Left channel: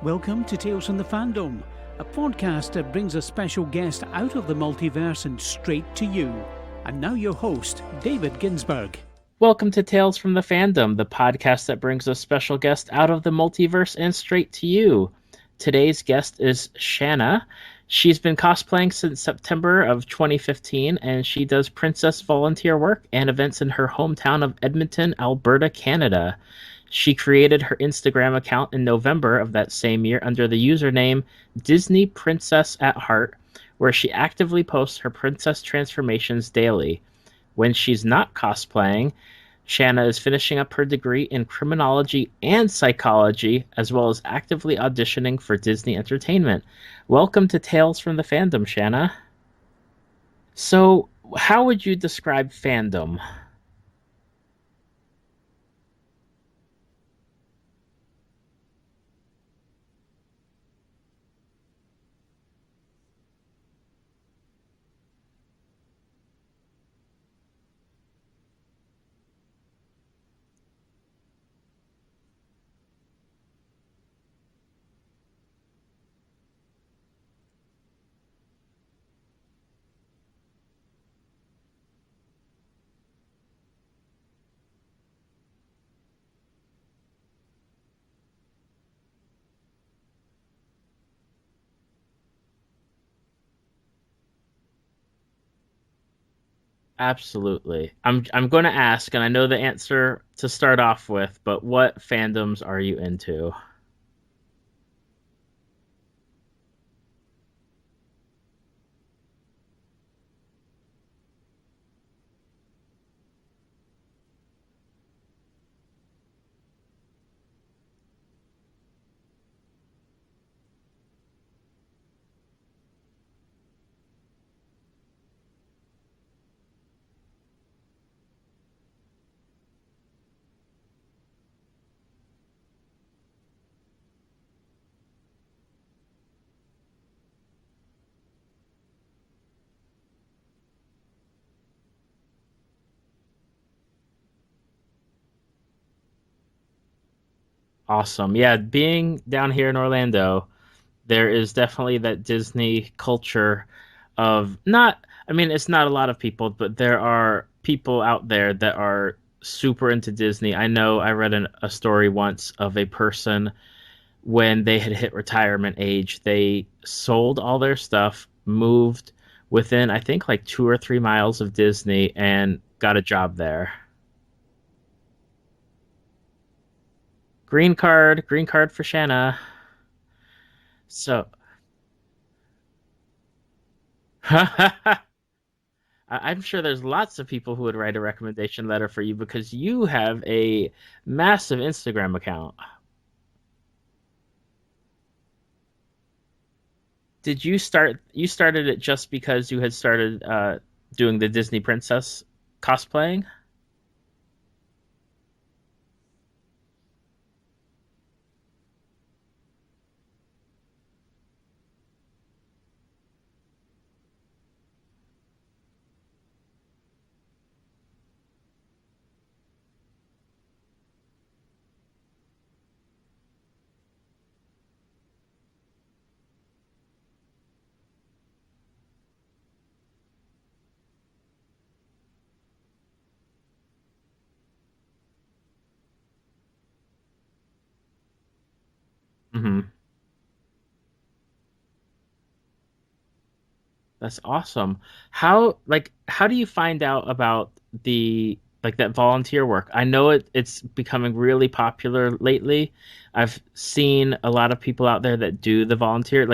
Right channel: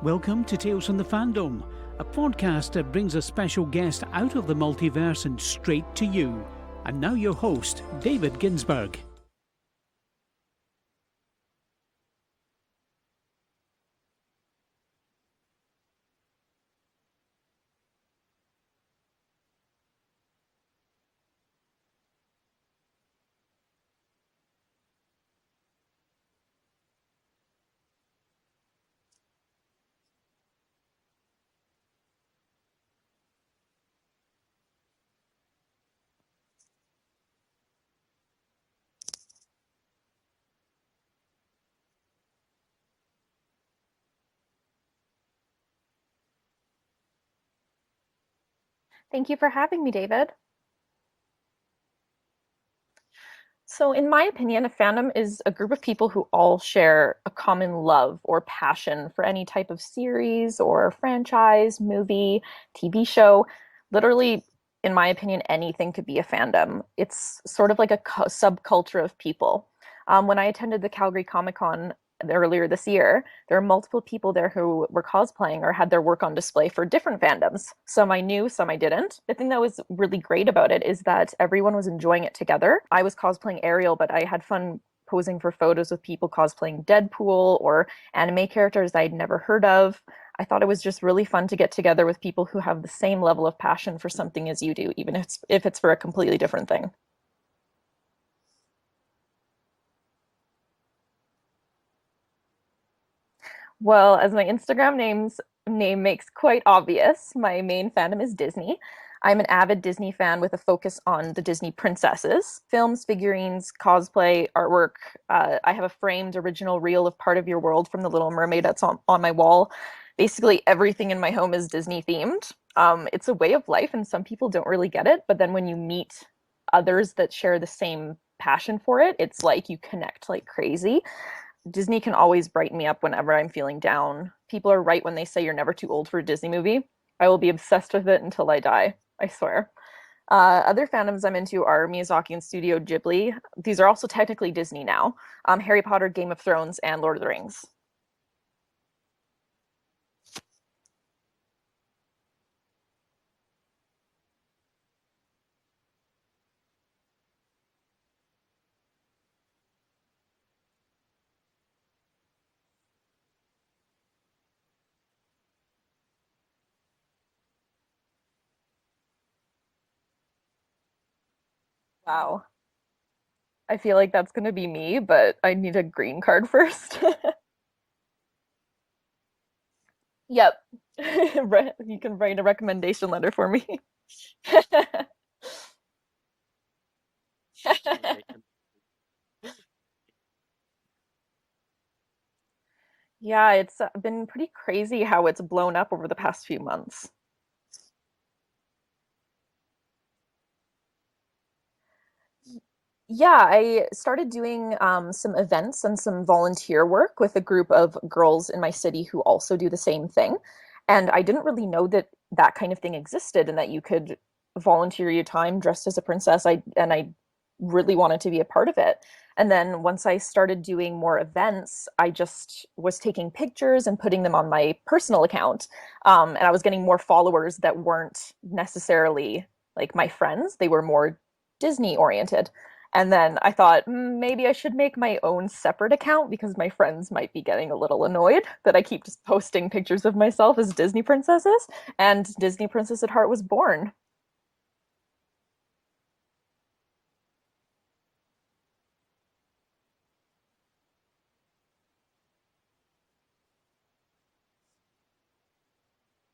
Welcome to Tales from the Fandom, a podcast that brings a special guest out of the multiverse and straight to you. And now your host, David Ginsburg. Welcome to Tales from the Fandom, the podcast that brings a special guest out of the multiverse and straight to you. Today's guest is Shannah. She's been cosplaying since September of 2015, and she does princess volunteer work and events in her hometown of Edmonton, Alberta, Canada. She created her Instagram account in November of that same year under the username Disney Princess at Heart, where she actively posts her princess transformations daily. When she's not cosplaying, Shannah is finishing up her degree in Criminology and Psychology, as well as actively auditioning for Disney Entertainment. Welcome to Tales from the Fandom, Shannah. Thank you for having me, David. So, how would you describe fandom? So, in my opinion, a fandom is a group of people who all share a common love or passion for any type of series or franchise, movie, TV show. Literally, in my opinion, anything could be a fandom. It's sort of like a subculture of people. When I attended the Calgary Comic-Con earlier this year, there were multiple people there who were cosplaying or had their work on display for different fandoms. Some I knew, some I didn't. The thing that was really great about it is that everyone was enjoying it together. I was cosplaying Ariel, but I had fun posing for photos with people cosplaying Deadpool or anime characters I'd never heard of. I thought it was just really fun to get together with people who have the same level of passion for something as you do, even if it's for a completely different thing. Absolutely. I'm going to ask, and I know the answer to start off with, but what fandoms are you into? Well, as my Instagram name makes quite obvious, my main fandom is Disney. I'm an avid Disney fan with a focus on the Disney princesses, films, figurines, cosplay, artwork. I have a framed original reel of Part of Your World from The Little Mermaid that's on my wall. Basically, everything in my home is Disney themed. It's a way of life, and some people don't really get it. But then when you meet others that share the same passion for it, it's like you connect like crazy. Disney can always brighten me up whenever I'm feeling down. People are right when they say you're never too old for a Disney movie. I will be obsessed with it until I die, I swear. Other fandoms I'm into are Miyazaki and Studio Ghibli. These are also technically Disney now. Harry Potter, Game of Thrones, and Lord of the Rings. Awesome. Yeah, being down here in Orlando, there is definitely that Disney culture of it's not a lot of people, but there are people out there that are super into Disney. I know I read a story once of a person when they had hit retirement age, they sold all their stuff, moved within, I think, like 2 or 3 miles of Disney. Wow. And got a job there. I feel like that's going to be me, but I need a green card first. Green card for Shannah. Yep. So you can write a recommendation letter for me. I'm sure there's lots of people who would write a recommendation letter for you because you have a massive Instagram account. Yeah, it's been pretty crazy how it's blown up over the past few months. Did you started it just because you had started doing the Disney princess cosplaying? Yeah, I started doing some events and some volunteer work with a group of girls in my city who also do the same thing. And I didn't really know that that kind of thing existed and that you could volunteer your time dressed as a princess. I really wanted to be a part of it. And then once I started doing more events, I just was taking pictures and putting them on my personal account. And I was getting more followers that weren't necessarily like my friends. They were more Disney oriented. And then I thought maybe I should make my own separate account because my friends might be getting a little annoyed that I keep just posting pictures of myself as Disney princesses. And Disney Princess at Heart was born. That's awesome. How do you find out about that volunteer work? I know it's becoming really popular lately. I've seen a lot of people out there that do the volunteer.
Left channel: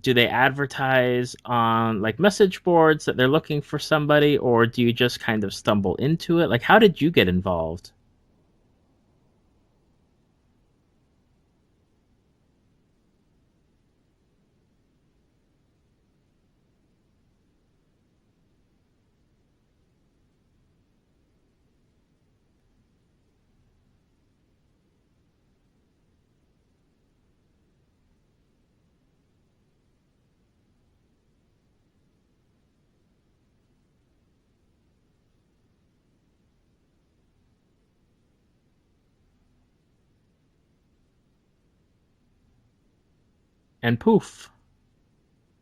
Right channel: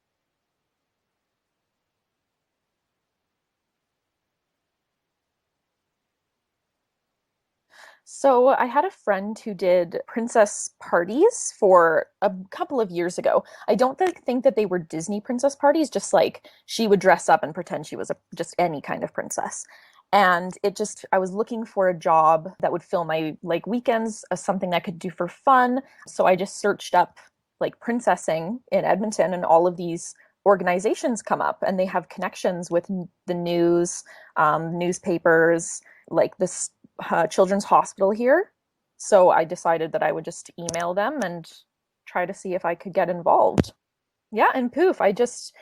Do they advertise on like message boards that they're looking for somebody, or do you just kind of stumble into it? Like, how did you get involved? So I had a friend who did princess parties for a couple of years ago. I don't think that they were Disney princess parties, just like she would dress up and pretend she was just any kind of princess. And I was looking for a job that would fill my like weekends as something I could do for fun. So I just searched up like princessing in Edmonton, and all of these organizations come up and they have connections with the news, newspapers, like this children's hospital here. So I decided that I would just email them and try to see if I could get involved. And poof. Yeah, and poof. I just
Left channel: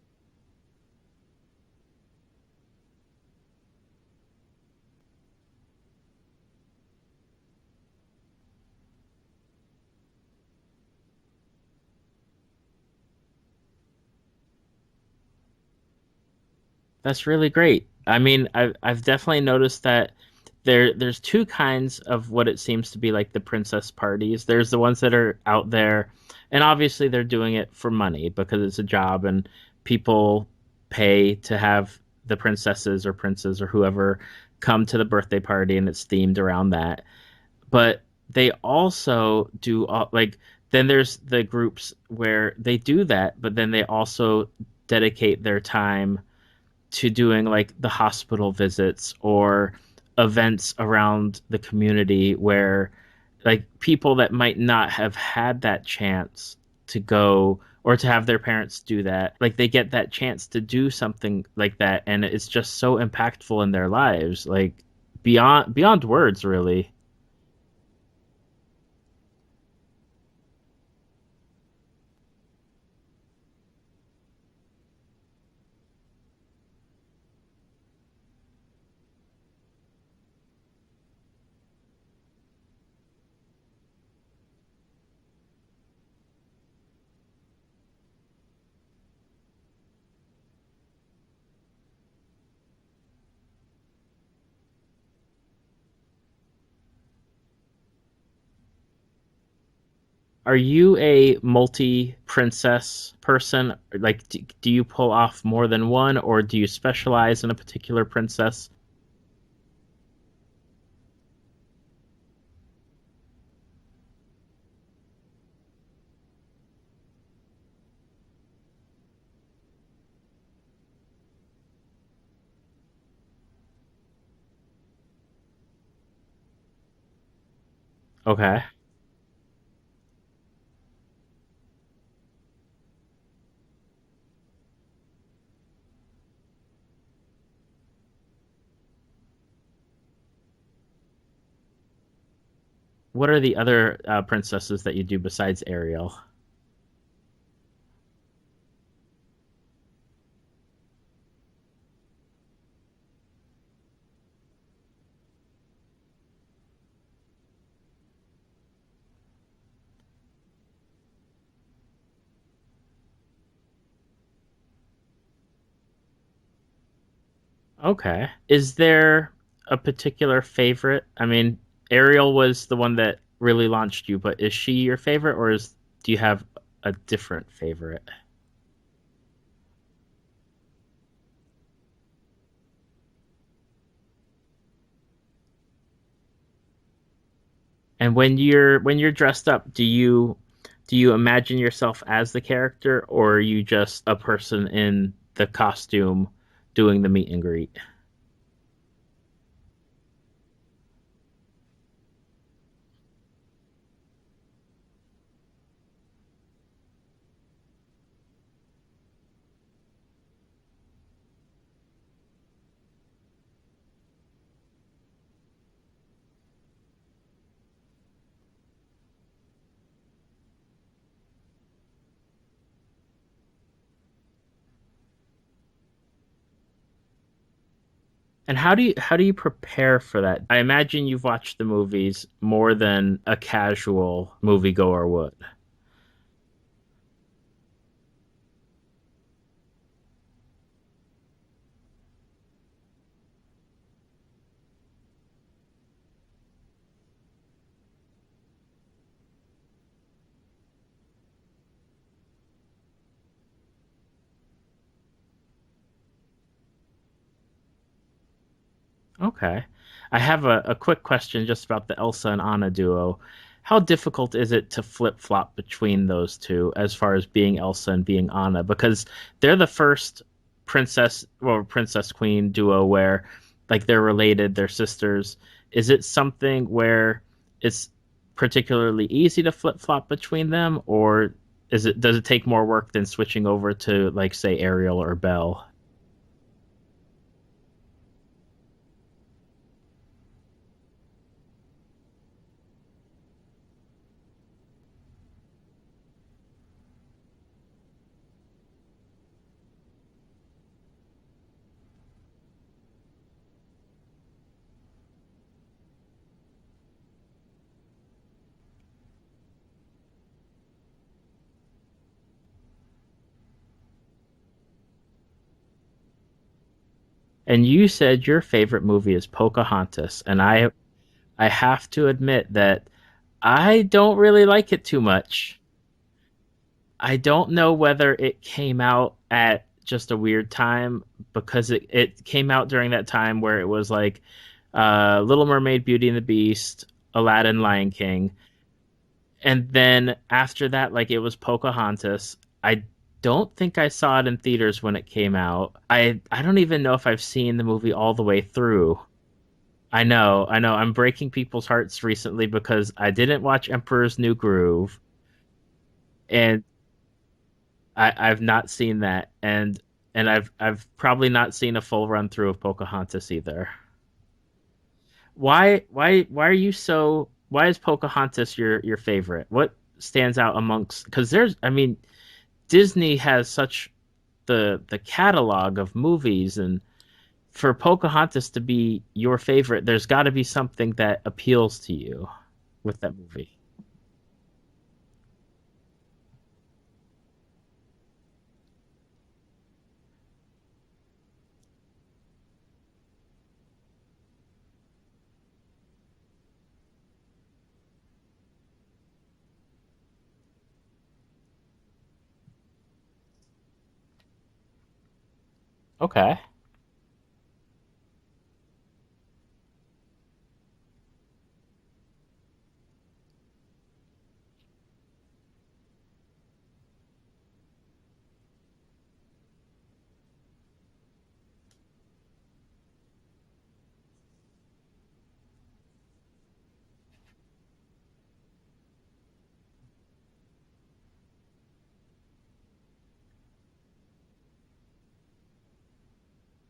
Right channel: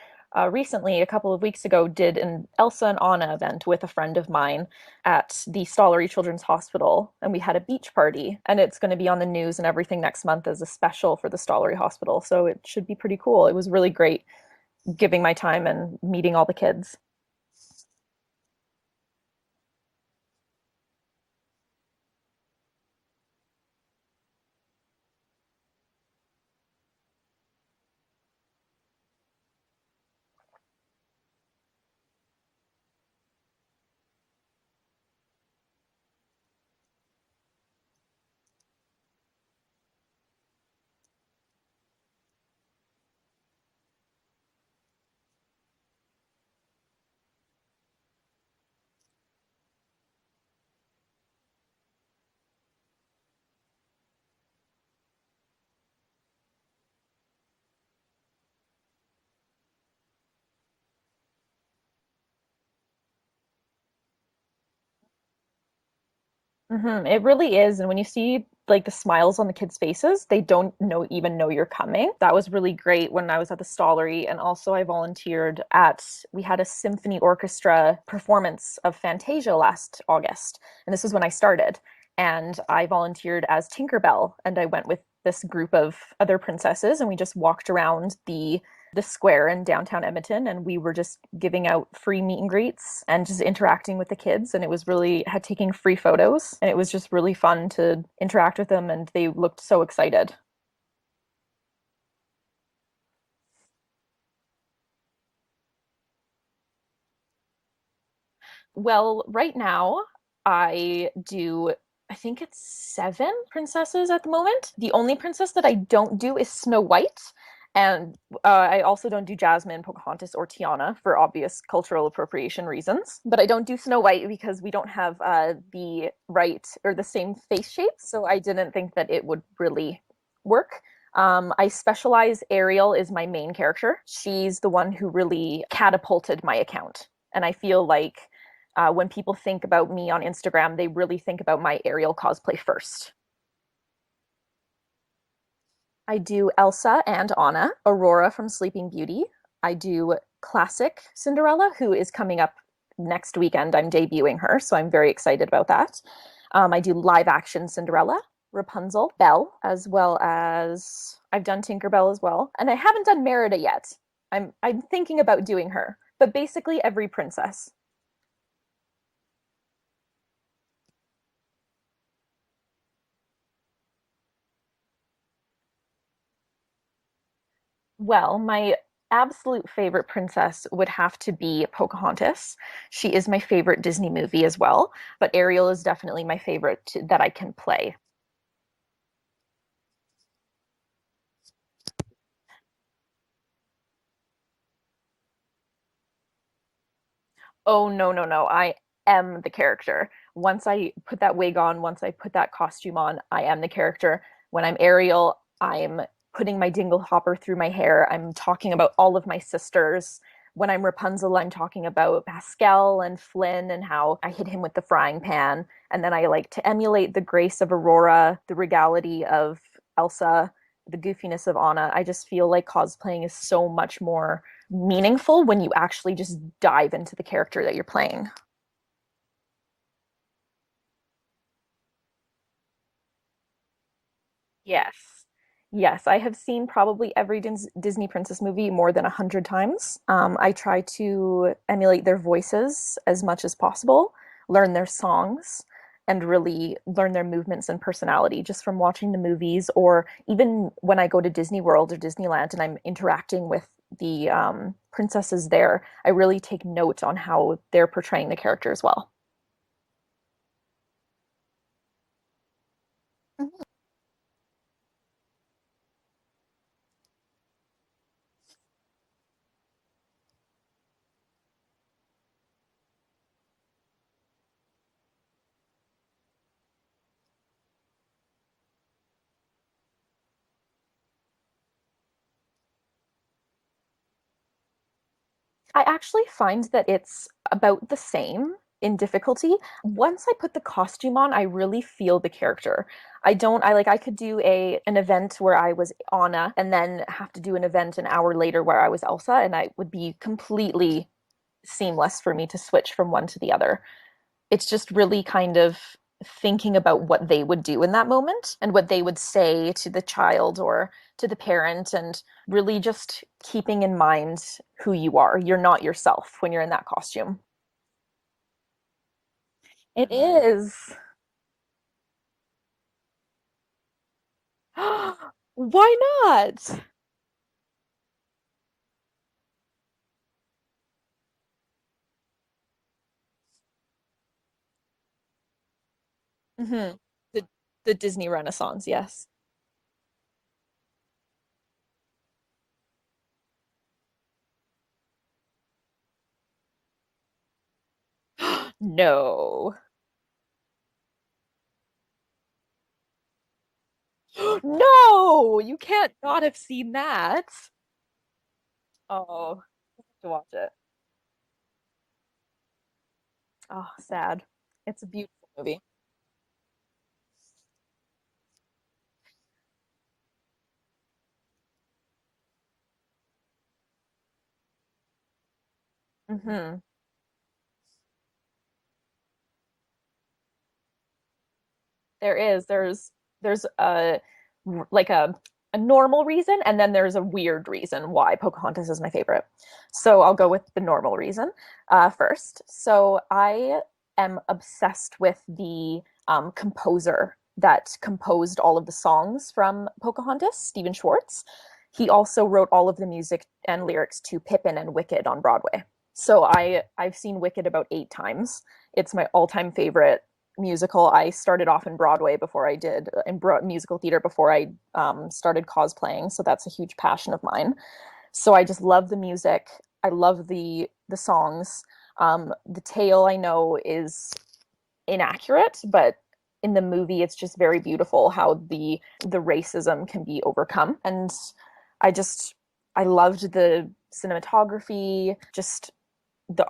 recently, a couple of weeks ago, did an Elsa and Anna event with a friend of mine at the Stollery Children's Hospital, and we had a beach party, and it's going to be on the news and everything next month as a special for the Stollery Hospital, so it should be pretty cool. It was really great giving my time and meeting all the kids. That's really great. I mean, I've definitely noticed that there's two kinds of what it seems to be like the princess parties. There's the ones that are out there, and obviously they're doing it for money because it's a job and people pay to have the princesses or princes or whoever come to the birthday party and it's themed around that. But they also do like then there's the groups where they do that, but then they also dedicate their time to doing like the hospital visits or events around the community where like people that might not have had that chance to go or to have their parents do that, like they get that chance to do something like that, and it's just so impactful in their lives, like beyond words, really. It really is. And when you see like the smiles on the kids' faces, they don't even know you're coming. That was really great when I was at the Stollery. And also I volunteered we had a symphony orchestra performance of Fantasia last August. And this was when I started. And I volunteered as Tinkerbell, and I went with this group of other princesses, and we just walked around the square in downtown Edmonton, and we were just giving out free meet and greets and just interacting with the kids, and it was really had taking free photos, and it was just really fun to interact with them, and they looked so excited. Are you a multi-princess person? Like, do you pull off more than one, or do you specialize in a particular princess? Well, right now I think it's 7 princesses at the moment. The only princess that I don't do is Snow White. And I also don't do Jasmine, Pocahontas, or Tiana for obvious cultural appropriation reasons. But I don't do Snow White because we don't have the right or the same face shape. So Okay. I didn't think that it would really work. I specialize. Ariel is my main character. She's the one who really catapulted my account. And I feel like when people think about me on Instagram, they really think about my Ariel cosplay first. What are the other princesses that you do besides Ariel? I do Elsa and Anna, Aurora from Sleeping Beauty. I do classic Cinderella, who is coming up next weekend. I'm debuting her, so I'm very excited about that. I do live action Cinderella, Rapunzel, Belle, as well as I've done Tinkerbell as well. And I haven't done Merida yet. I'm thinking about doing her. But basically every princess. Okay. Is there a particular favorite? I mean, Ariel was the one that really launched you, but is she your favorite, or do you have a different favorite? Well, my absolute favorite princess would have to be Pocahontas. She is my favorite Disney movie as well, but Ariel is definitely my favorite that I can play. And when you're dressed up, do you imagine yourself as the character, or are you just a person in the costume doing the meet and greet? Oh, no. I am the character. Once I put that wig on, once I put that costume on, I am the character. When I'm Ariel, I'm putting my dingle hopper through my hair. I'm talking about all of my sisters. When I'm Rapunzel, I'm talking about Pascal and Flynn and how I hit him with the frying pan. And then I like to emulate the grace of Aurora, the regality of Elsa, the goofiness of Anna. I just feel like cosplaying is so much more meaningful when you actually just dive into the character that you're playing. And how do you prepare for that? I imagine you've watched the movies more than a casual moviegoer would. Yes, I have seen probably every Disney princess movie more than 100 times. I try to emulate their voices as much as possible, learn their songs, and really learn their movements and personality just from watching the movies, or even when I go to Disney World or Disneyland and I'm interacting with the princesses there, I really take note on how they're portraying the character as well. Okay. I have a quick question just about the Elsa and Anna duo. How difficult is it to flip-flop between those two as far as being Elsa and being Anna? Because they're the first princess queen duo where like they're related, they're sisters. Is it something where it's particularly easy to flip-flop between them, or does it take more work than switching over to like say Ariel or Belle? I actually find that it's about the same in difficulty. Once I put the costume on, I really feel the character. I could do an event where I was Anna and then have to do an event an hour later where I was Elsa, and I would be completely seamless for me to switch from one to the other. It's just really kind of thinking about what they would do in that moment and what they would say to the child or to the parent, and really just keeping in mind who you are. You're not yourself when you're in that costume. And you said your favorite movie is It Pocahontas, and I is. I have to admit that I don't really like it too much. Why not? I don't know whether it came out at just a weird time, because it came out during that time where it was like Little Mermaid, Beauty and the Beast, Hmm. Aladdin, Lion The Disney King. Renaissance, yes. And then after that, like, it was Pocahontas. I don't think I saw it in theaters when it came out. I don't even know if I've seen the movie all the way through. No. I know. I'm breaking people's hearts recently because I didn't watch Emperor's New Groove, No, you can't not have and seen that. I've not seen that, Oh, and missed it. I've probably not seen a full run through of Pocahontas either. Oh, sad. It's a beautiful movie. Why are you so? Why is Pocahontas your favorite? What stands out amongst? Because I mean, Disney has such the catalog of movies, Hmm. and for Pocahontas to be your favorite, there's got to be something that appeals to you There is. with that movie. There's like a normal reason, and then there's a weird reason why Pocahontas is my favorite. So I'll go with the normal reason first. So I am obsessed with the composer that composed all of the songs from Pocahontas, Stephen Schwartz. He also wrote all of the music and lyrics to Pippin and Wicked on Broadway. Okay. So I've seen Wicked about 8 times. It's my all-time favorite musical. I started off in Broadway before I did in musical theater before I started cosplaying. So that's a huge passion of mine. So I just love the music. I love the songs. The tale I know is inaccurate, but in the movie it's just very beautiful how the racism can be overcome. And I just I loved the cinematography, just the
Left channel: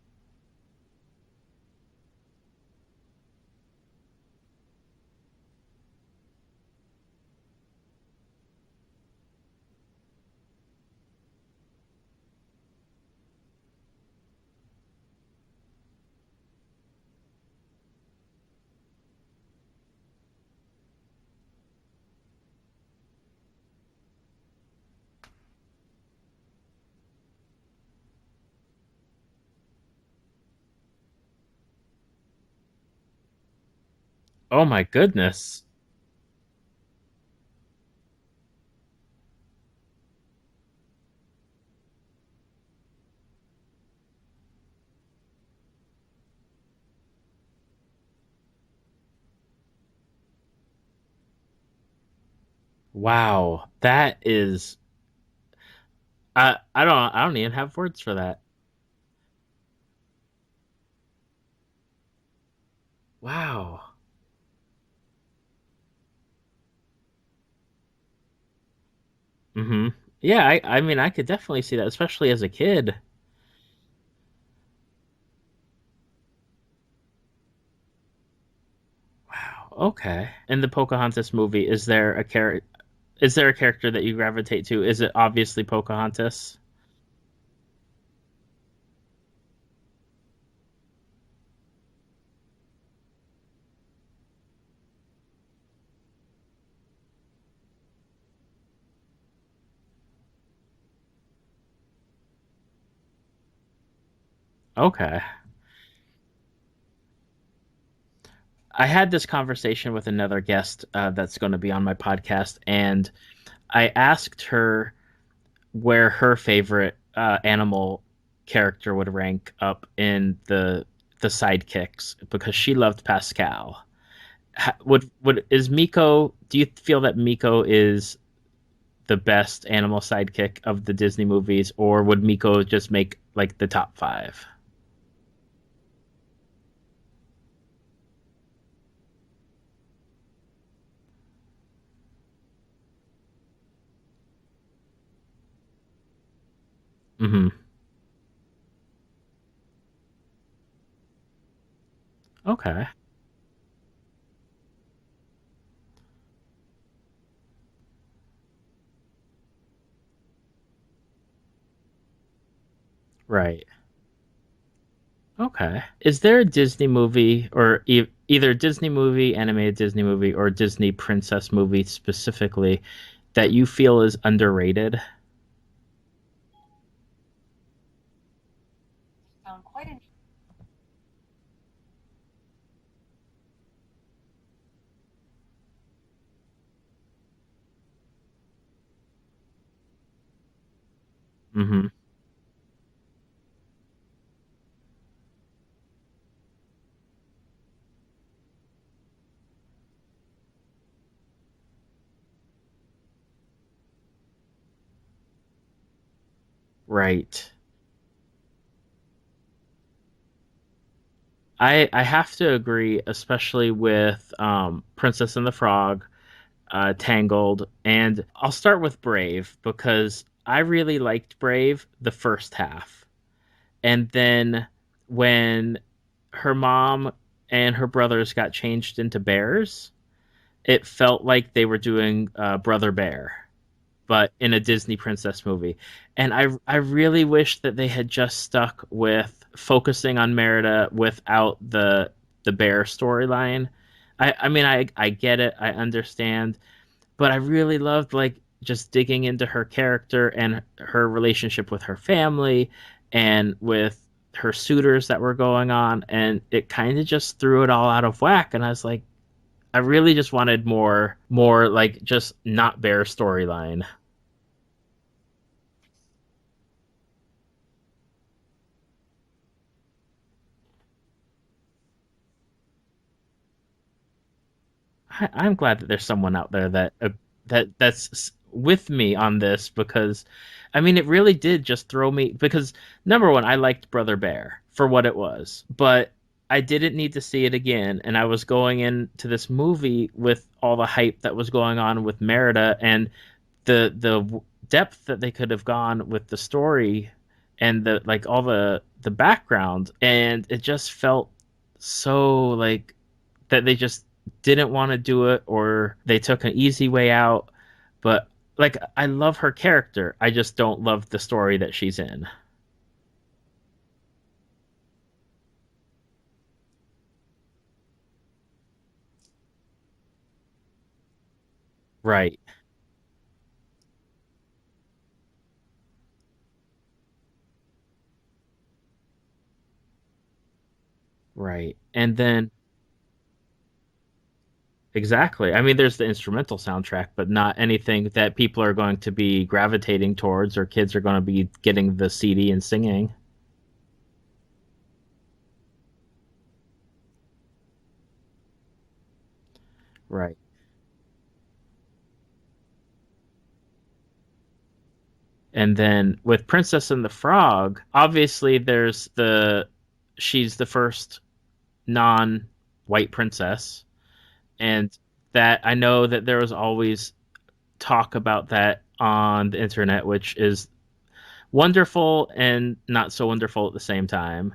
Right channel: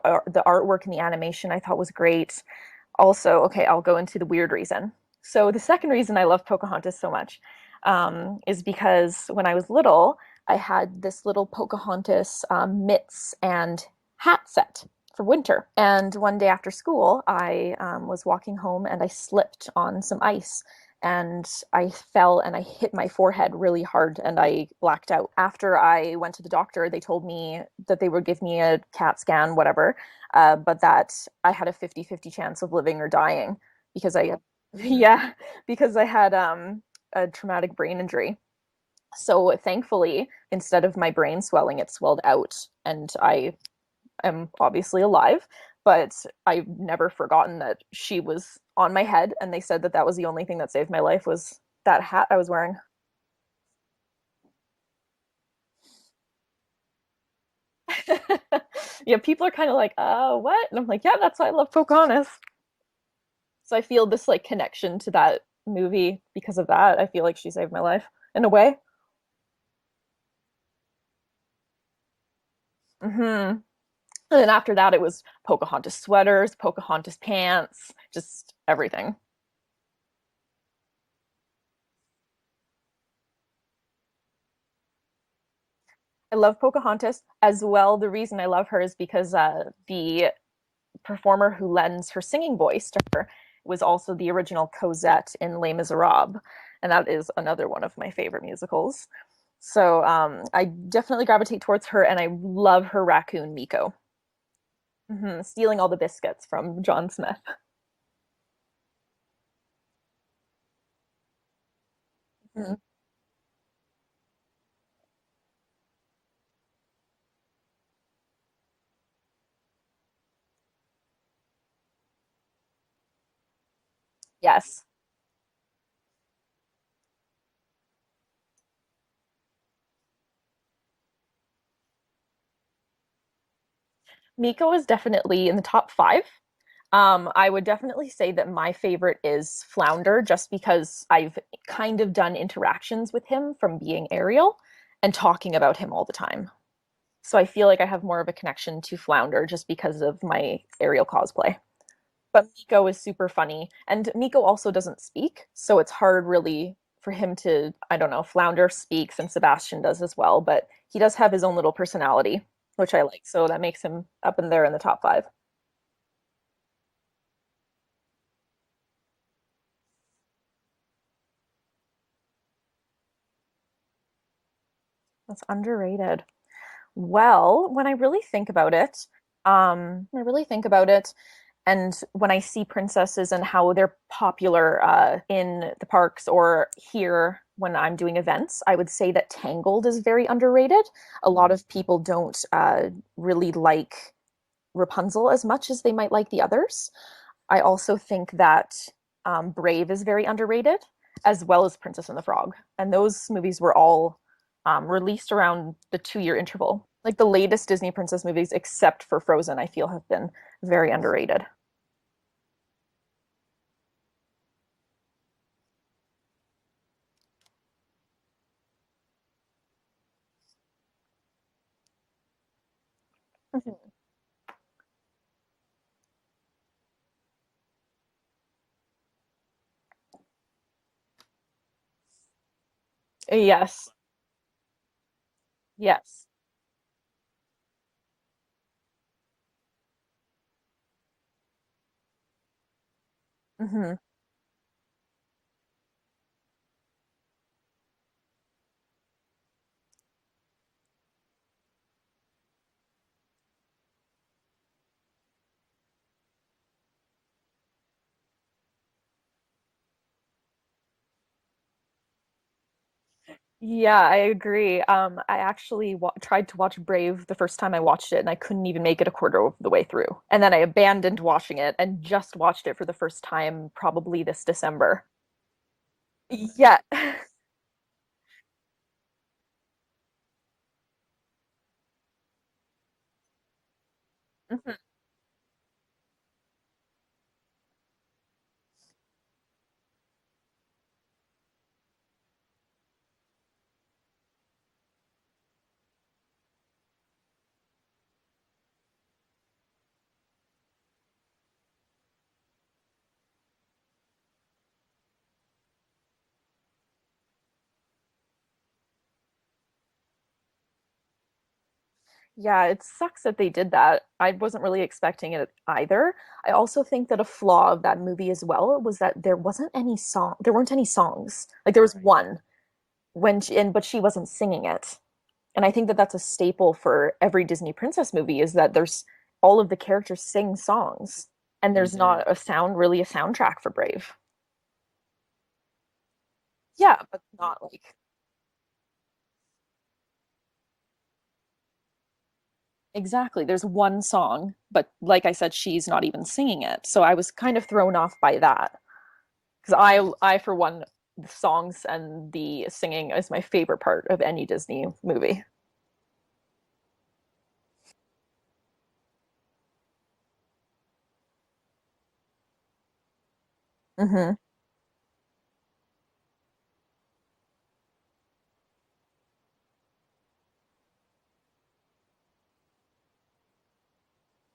artwork and the animation I thought was great. Also, okay, I'll go into the weird reason. So the second reason I love Pocahontas so much is because when I was little, I had this little Pocahontas mitts and hat set for winter. And one day after school, I was walking home and I slipped on some ice and I fell and I hit my forehead really hard and I blacked out. After I went to the doctor, they told me that they would give me a CAT scan, whatever, but that I had a 50-50 chance of living or dying because Oh my yeah, goodness. because I had a traumatic brain injury. So thankfully, instead of my brain swelling, it swelled out, and I am obviously alive. But I've never forgotten that she was on my head, and they said that that was the only thing that saved my life was that hat I was wearing. Wow. That is I don't even have words for that. Yeah, people are kind of like, what? And I'm like, yeah, that's why I love Pocahontas. So I Wow. feel this like connection to that movie because of that. I feel like she saved my life in a way. Mm-hmm. Yeah, I mean, I could definitely see that, especially as a kid. And then after that, it was Pocahontas sweaters, Pocahontas pants, just everything. Wow. Okay. In the Pocahontas movie, is there a character that you gravitate to? Is it obviously I Pocahontas? love Pocahontas as well. The reason I love her is because the performer who lends her singing voice to her was also the original Cosette in Les Miserables, and that is another one of my favorite musicals. So I definitely gravitate towards her, and I love her raccoon Miko, Okay. stealing all the biscuits from John Smith. I had this conversation with another guest that's going to be on my podcast, Mm. and I asked her where her favorite animal character would rank up in the sidekicks, because she loved Pascal. Yes. Would is Miko? Do you feel that Miko is the best animal sidekick of the Disney movies, or would Miko just make like the top five? Miko is definitely in the top five. I would definitely say that my favorite is Flounder, just because I've kind of done interactions with him from being Ariel and talking about him all the time. So I Hmm. feel like I have more of a connection to Flounder just because of my Ariel cosplay. But Okay. Miko is super funny. And Miko also doesn't speak, so it's hard really for him to, I don't know, Flounder speaks and Sebastian does as well, but he does have his own little personality, which I like. So that Right. makes him up in there in the top five. Okay. Is there a Disney movie or either Disney movie, animated Disney movie, or Disney princess movie specifically that you feel is underrated? That's underrated. Well, when I really think about it, when I really think about it, and when I see princesses and how they're popular in the parks or here when I'm doing events, I would say that Tangled is very underrated. A lot of Hmm. people don't really like Rapunzel as much as they might like the others. I also think that Brave is very underrated, as well as Princess and the Frog. And those movies were all released around the 2 year interval. Like the Right. latest Disney princess movies, except for Frozen, I feel have been very underrated. I have to agree, especially with Princess and the Frog, Tangled, and I'll start with Brave because I really liked Brave the first half. Mhm. And then when her mom and her brothers got changed into bears, it felt like they were doing Brother Bear, Yes, but in a Disney princess movie. yes. And I really wish that they had just stuck with focusing on Merida without the bear storyline. Hmm. I mean I get it, I understand, but I really loved like just digging into her character and her relationship with her family and with her suitors that were going on, and it kind of just threw it all out of whack. And I was like, I really just wanted more like just not bear storyline. Yeah, I agree. I actually tried to watch Brave the first time I watched it, and I couldn't even make it a quarter of the way through. And then I abandoned watching it and just watched it for the first time probably this December. I'm glad that there's someone out there Yeah. that's with me on this, because I mean it really did just throw me, because number one, I liked Brother Bear Mhm. for what it was, but I didn't need to see it again, and I was going into this movie with all the hype that was going on with Merida and the depth that they could have gone with the story and the like all the background, and it just felt so like that they just didn't want to do it, or they took an easy way out. But like I love her character, I just don't love the story that she's in. Yeah, it sucks that they did that. I wasn't really expecting it either. I also think that a flaw of that movie as well was that there weren't any songs. Like there was Right. one but she wasn't singing it. And I think that that's a staple for every Disney princess movie is that there's all of the characters sing songs and Right. there's And not then really a soundtrack for Brave. exactly. I mean, there's the instrumental Yeah, soundtrack, but but not anything that people are going to be gravitating towards, or kids are going to be getting the CD and singing. exactly. There's one song, but like I said, she's not even singing it. So I was kind of thrown off by that. Because Right. I for one, the songs and the singing is my favorite part of any Disney movie. And then with Princess and the Frog, obviously she's the first non-white princess, Hmm. and that I know that there was always talk about that on the internet, which is wonderful and not so wonderful at the same time.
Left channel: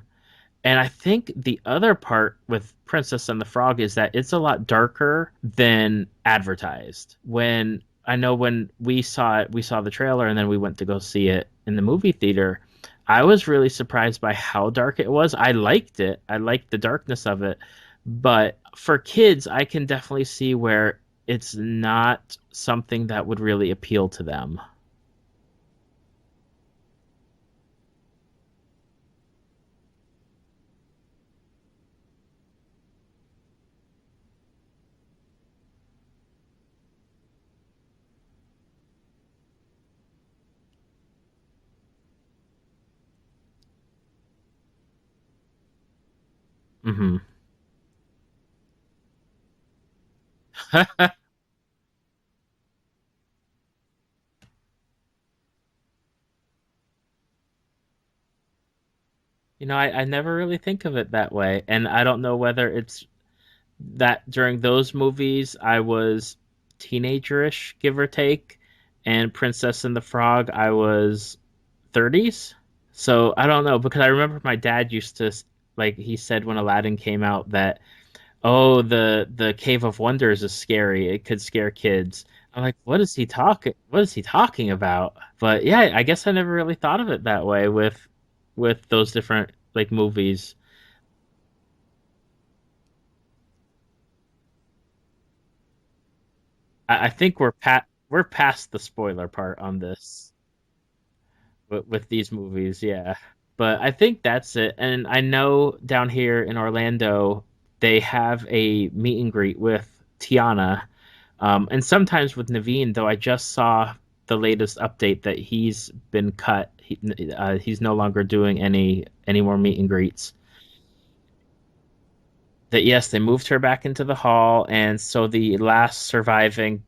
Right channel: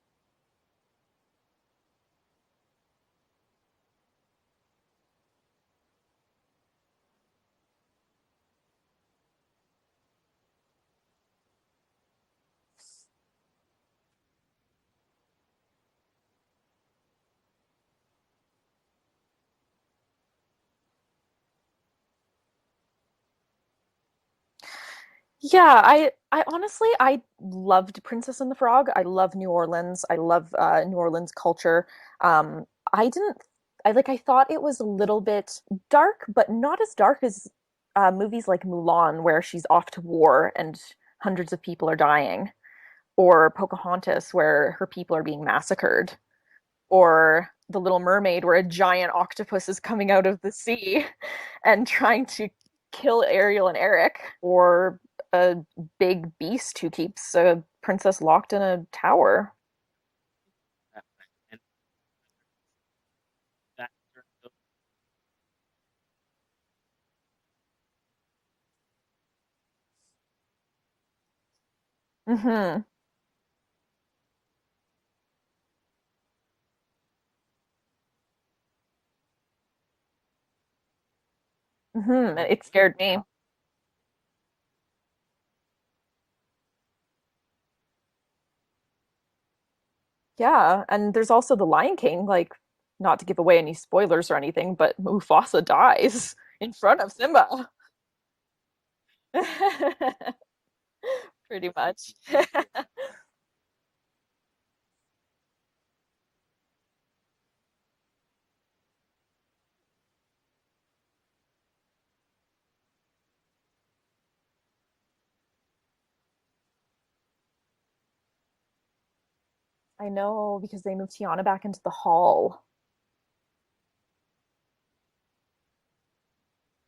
And I think the other part with Princess and the Frog is that it's a lot darker than advertised. When I know when we saw it, we saw the trailer and then we went to go see it in the movie theater. I was really surprised by how dark it was. I liked it. I liked the darkness of it. But for kids, I can definitely see where it's not something that would really appeal to them. Yeah, I honestly I loved Princess and the Frog. I love New Orleans. I love New Orleans culture. I didn't I thought it was a little bit dark, but not as dark as movies like Mulan, where she's off to war and hundreds of people are dying, or Pocahontas, where her people are being massacred, Hmm. or The Little Mermaid, where a giant octopus is coming out of the sea and trying to kill Ariel and Eric, or a big beast who keeps a princess locked in a tower. I never really think of it that way. And I don't know whether it's that during those movies I was teenagerish, give or take, and Princess and the Frog I was 30s. Hmm. So I don't know, because I remember my dad used to like he said when Aladdin came out that, oh, the Cave of Wonders is scary. It could scare kids. It I'm like, scared what is me. he talking? What is he talking about? But yeah, I guess I never really thought of it that way with those different like movies. Yeah, and there's also the Lion King, like not to give away any spoilers or anything, but Mufasa dies in front I of think Simba. we're past the spoiler part on this Pretty with much. these movies, yeah. But I think that's it. And I know down here in Orlando, they have a meet and greet with Tiana, and sometimes with Naveen. Though I just saw the latest update that he's been cut. He's no longer doing any more meet and I greets. know because they moved Tiana back into the hall. That yes, they moved her back into the hall, and so the last surviving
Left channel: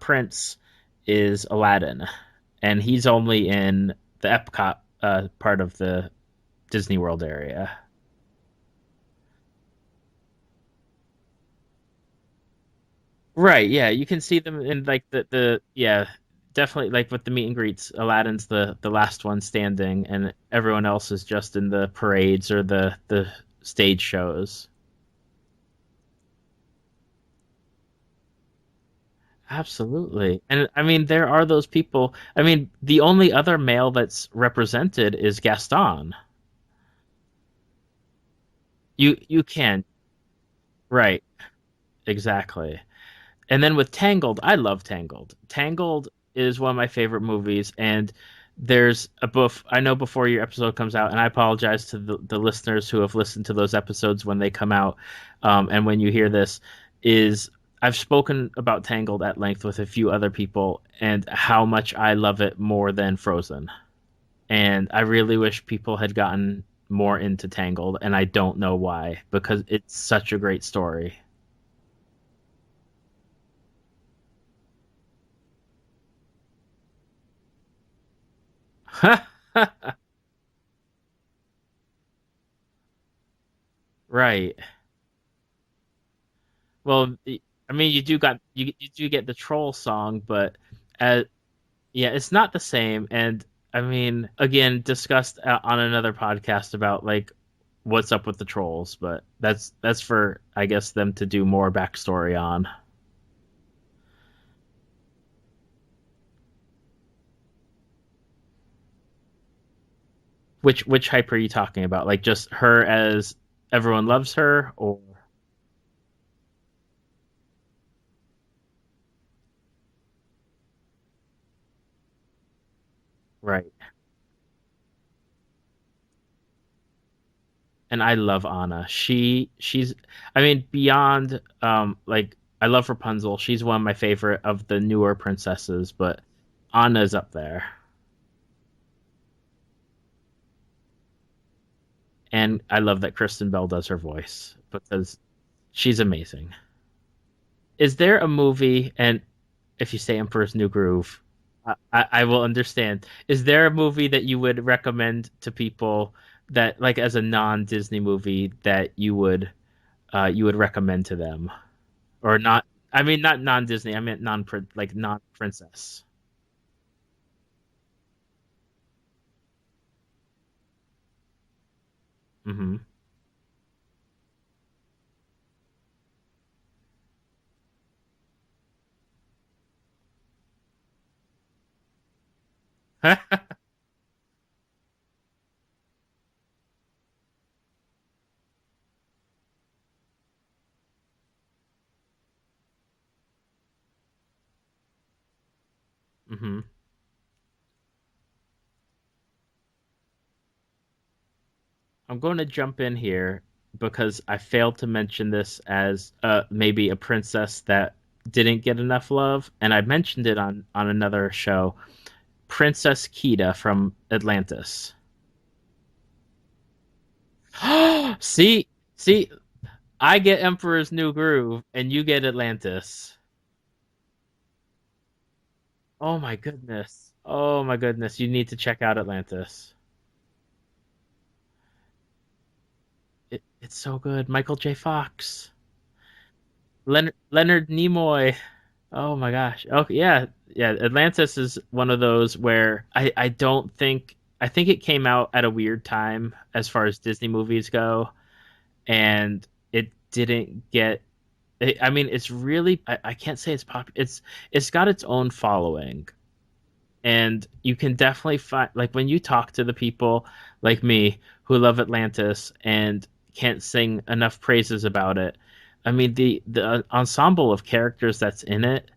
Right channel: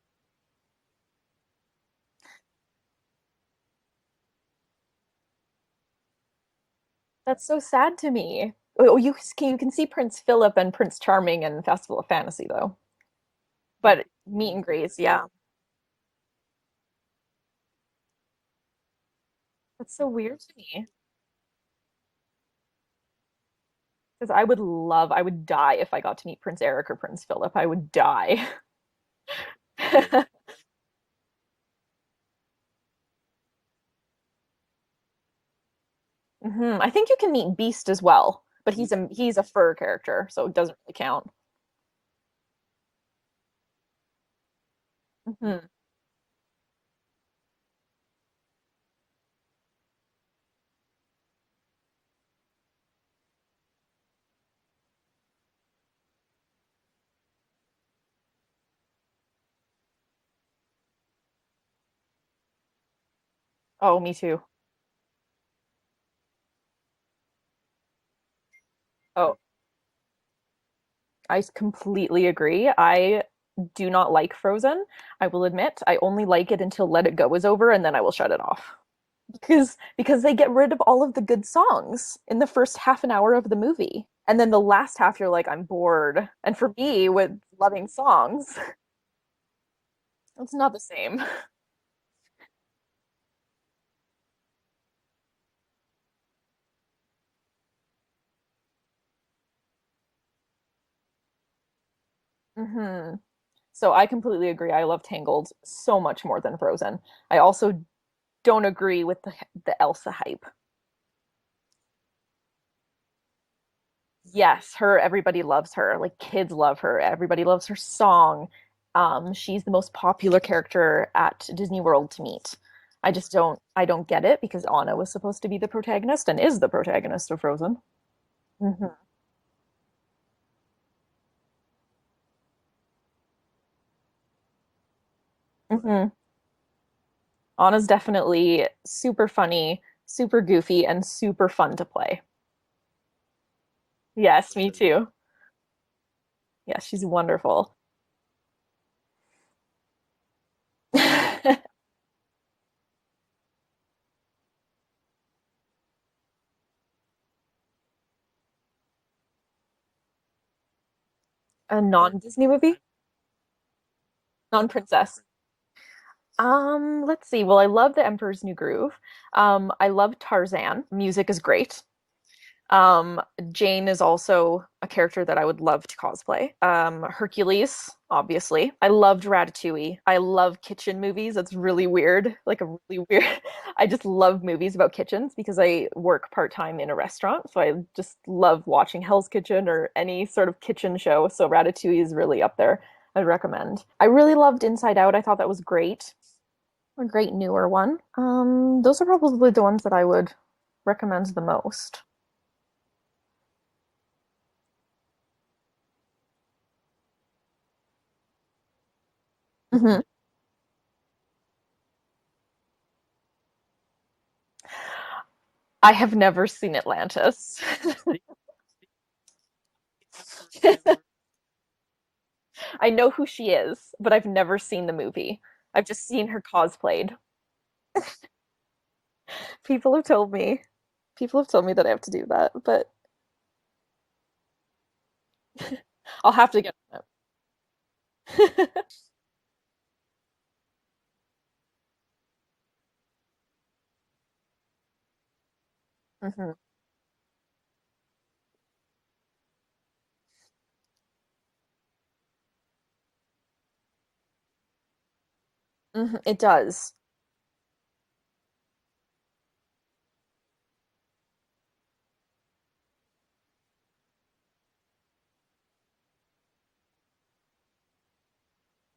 prince is Aladdin, and he's only in the Epcot part of the Disney World That's so area. sad to me. Oh, you can see Prince Philip and Prince Charming in Festival of Fantasy though. Right, yeah, But you can see meet and them in greets, like yeah. the yeah, definitely like with the meet and greets, Aladdin's the last one It's so standing, and weird to me everyone else is just in the parades or the stage because shows. I would die if I got to meet Prince Eric or Prince Philip. I would die. Absolutely. And I mean, there are those people. I mean, the only other male that's represented is Gaston. I think you can meet Beast as well, but he's You a fur can. character, so it doesn't really Right. count. Exactly. And then with Tangled, I love Tangled. hmm Tangled is one of my favorite movies, and there's a buff. I know before your episode comes out, and I apologize to the listeners who have listened to those episodes when they come out, and when you hear this, is I've spoken about Tangled at length with a few other people, and how much I love it more than Frozen. Oh, me too. And I really wish people had gotten more into Tangled, and I don't know why, Oh, because it's such a great story. I completely agree. I do not like Frozen. I will admit, I only like it until Let It Go is over, and then I will shut it off. Because they get rid of all of the good songs in the first half an hour of the movie. And then Right. the last half you're like, I'm bored. And for me, Well, with I loving mean, songs, you do get the troll song, it's but not the same. uh, yeah, it's not the same. And I mean, again, discussed on another podcast about like what's up with the trolls, but that's for I guess them to do more backstory on. hmm So I completely agree. I love Tangled so much more than Frozen. I also don't agree with the Elsa hype. Which hype are you talking about? Like just her as everyone loves her, Yes, or her, everybody loves her. Like kids love her. Everybody loves her song. She's the most popular character at Disney World to meet. right? I don't get it because Anna was supposed to be the protagonist and is the protagonist of Frozen. And I love Anna. hmm She's I mean beyond like I love Rapunzel. She's one of my favorite of the newer princesses, hmm but Anna's up there. Anna's definitely super funny, super goofy, and super fun to play. And I love that Kristen Bell does her Yes, voice me too. because she's amazing. Yes, she's wonderful. Is there a movie, and if you say Emperor's New Groove, I will understand. Is there a movie that you would recommend to people that like as a non-Disney movie that you would recommend to them? A Or non-Disney not, movie? I mean not non-Disney, I meant like Non-princess. non-princess. Let's see. Well, I love The Emperor's New Groove. I love Tarzan. Music is great. Hmm. Um, Jane is also a character that I would love to cosplay. Hercules, obviously. I loved Ratatouille. I love kitchen movies. That's really weird. Like a really weird. I just love movies about kitchens because I work part-time in a restaurant. So I just love watching Hell's Kitchen or any sort of kitchen show. So Ratatouille is really up there. I'd recommend. I really loved Inside Out. I thought that was great. Hmm. A great newer one. Those are probably the ones that I would recommend the most. I'm going to jump in here because I failed to mention this as maybe a princess that didn't get enough love, and I Mhm. mentioned it on another show. Princess Kida from Atlantis. I have never seen Atlantis. see, see, I get Emperor's New Groove, and you get I know Atlantis. who she is, but I've never seen the movie. I've just Oh seen my her goodness. cosplayed. Oh my goodness. You need to check out Atlantis. People have told me. People have told me that I have to do that, but It's so good. Michael J. Fox, I'll have to get. Leonard Nimoy. Oh my gosh. Okay, yeah, yeah. Atlantis is one of those where I don't think I think it came out at a weird time Mhm. as far as Disney movies go. and it didn't get. I mean, it's really. I can't say it's popular. It's got its own following, It does. and you can definitely find, like, when you talk to the people like me who love Atlantis and can't sing enough praises about it. I mean, the ensemble of characters that's in it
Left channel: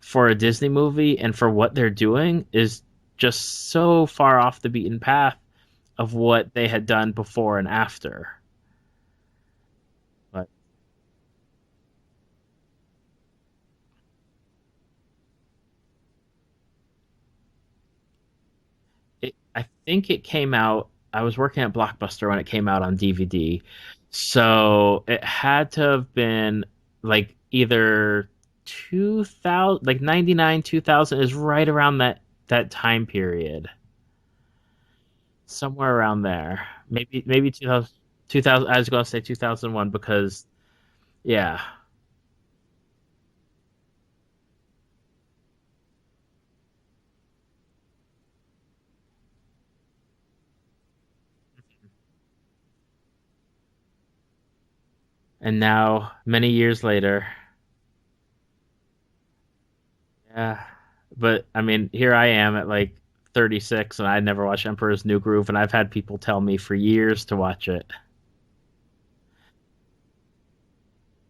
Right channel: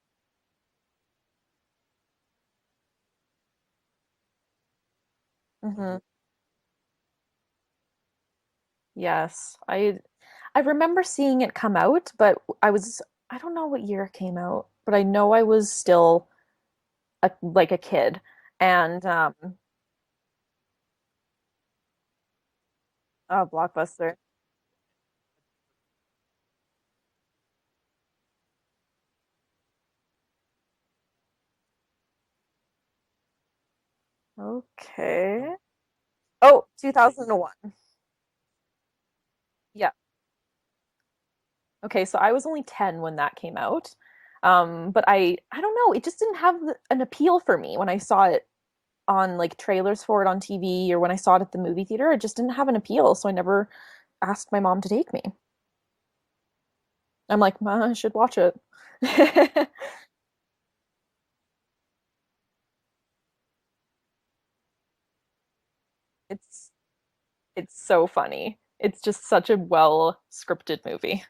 for a Disney movie and for what they're doing is just so far off the beaten path of what they had done before and after. Yes. But I remember seeing it come out, but I don't know what year it came out, but I know I was still like a kid. And I think it came out. I was working at Blockbuster when it came out on oh, DVD, Blockbuster. so it had to have been like either 2000, like 99, 2000 is right around that time period, Okay. somewhere around there. Oh, Maybe 2001. 2000, 2000. I was going to say 2001 Yeah. because yeah, Okay, so I was only 10 when that came out. But I don't know, it just didn't have an appeal for me when I saw it on like trailers for it on TV or when I saw it at the movie theater. It just didn't have an appeal, so I never asked my mom to take me. and now many years later, I'm like, Ma, I should watch it. yeah. But I mean, here I am at like 36 and I never watched Emperor's New Groove, and I've had people tell me It's for years to watch it's it. so funny. It's just such a well scripted movie.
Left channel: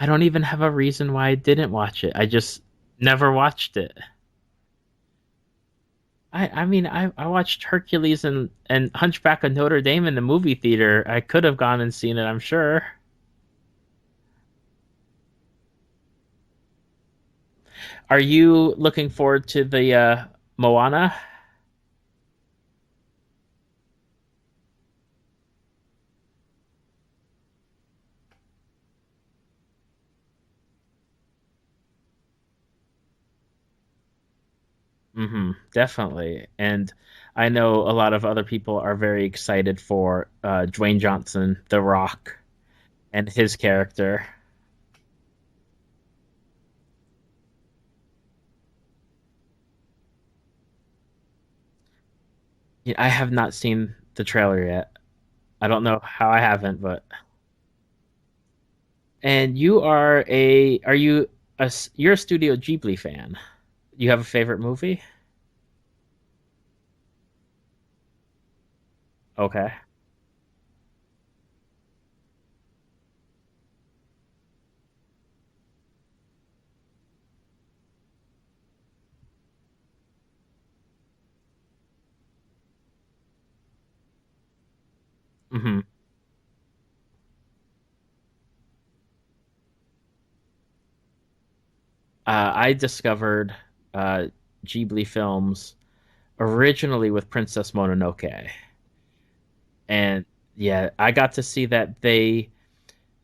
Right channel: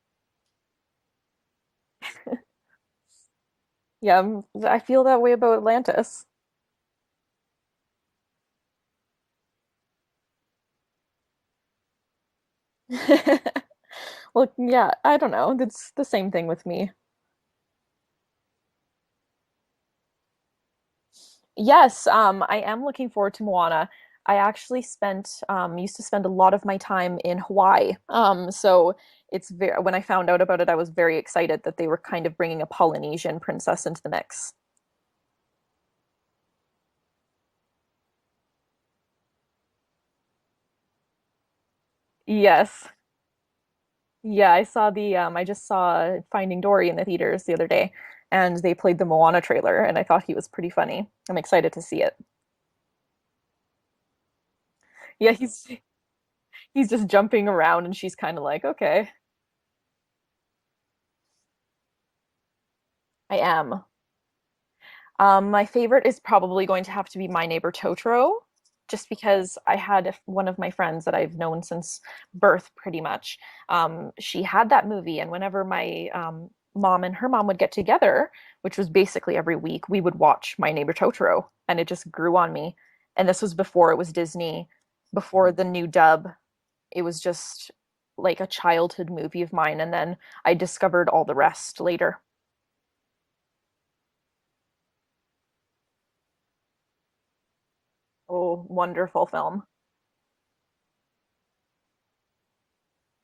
I don't even have a reason why I didn't watch it. I just never watched it. Yeah, I feel that way about Atlantis. I mean, I watched Hercules and Hunchback of Notre Dame in the movie theater. I could have gone and seen it, I'm sure. Well, yeah, I don't know. It's the same thing with me. Are you looking forward to the Moana? Yes, I am looking forward to Moana. I actually used to spend a lot of my time in Hawaii. So it's very, when I found out about it, I was very excited that they were kind of bringing a Polynesian princess into the mix. Mm-hmm, definitely. And I know a lot of other people are very excited for Dwayne Johnson, The Rock, Yes. and his character. Yeah, I just saw Finding Dory in the theaters the other day, and they played the Moana trailer, and I thought he was pretty funny. I'm excited to see it. Yeah, I have not seen the trailer yet. Yeah, I don't know how I haven't, he's but just jumping around, and she's kind of like, okay, and are you you're a Studio Ghibli I fan? am. You have a favorite movie? My favorite is probably going to have to be My Neighbor Totoro, just because Okay. I had one of my friends that I've known since birth, pretty much. She had that movie, and whenever my mom and her mom would get together, which was basically every week, we would watch My Neighbor Totoro, and it just grew on me. And this was before it was Disney, before the Hmm. new dub. It was just like a childhood movie of mine, and then I discovered all the rest later. I discovered uh, Ghibli films originally with Princess Mononoke, Oh, wonderful film. and yeah, I got to see that they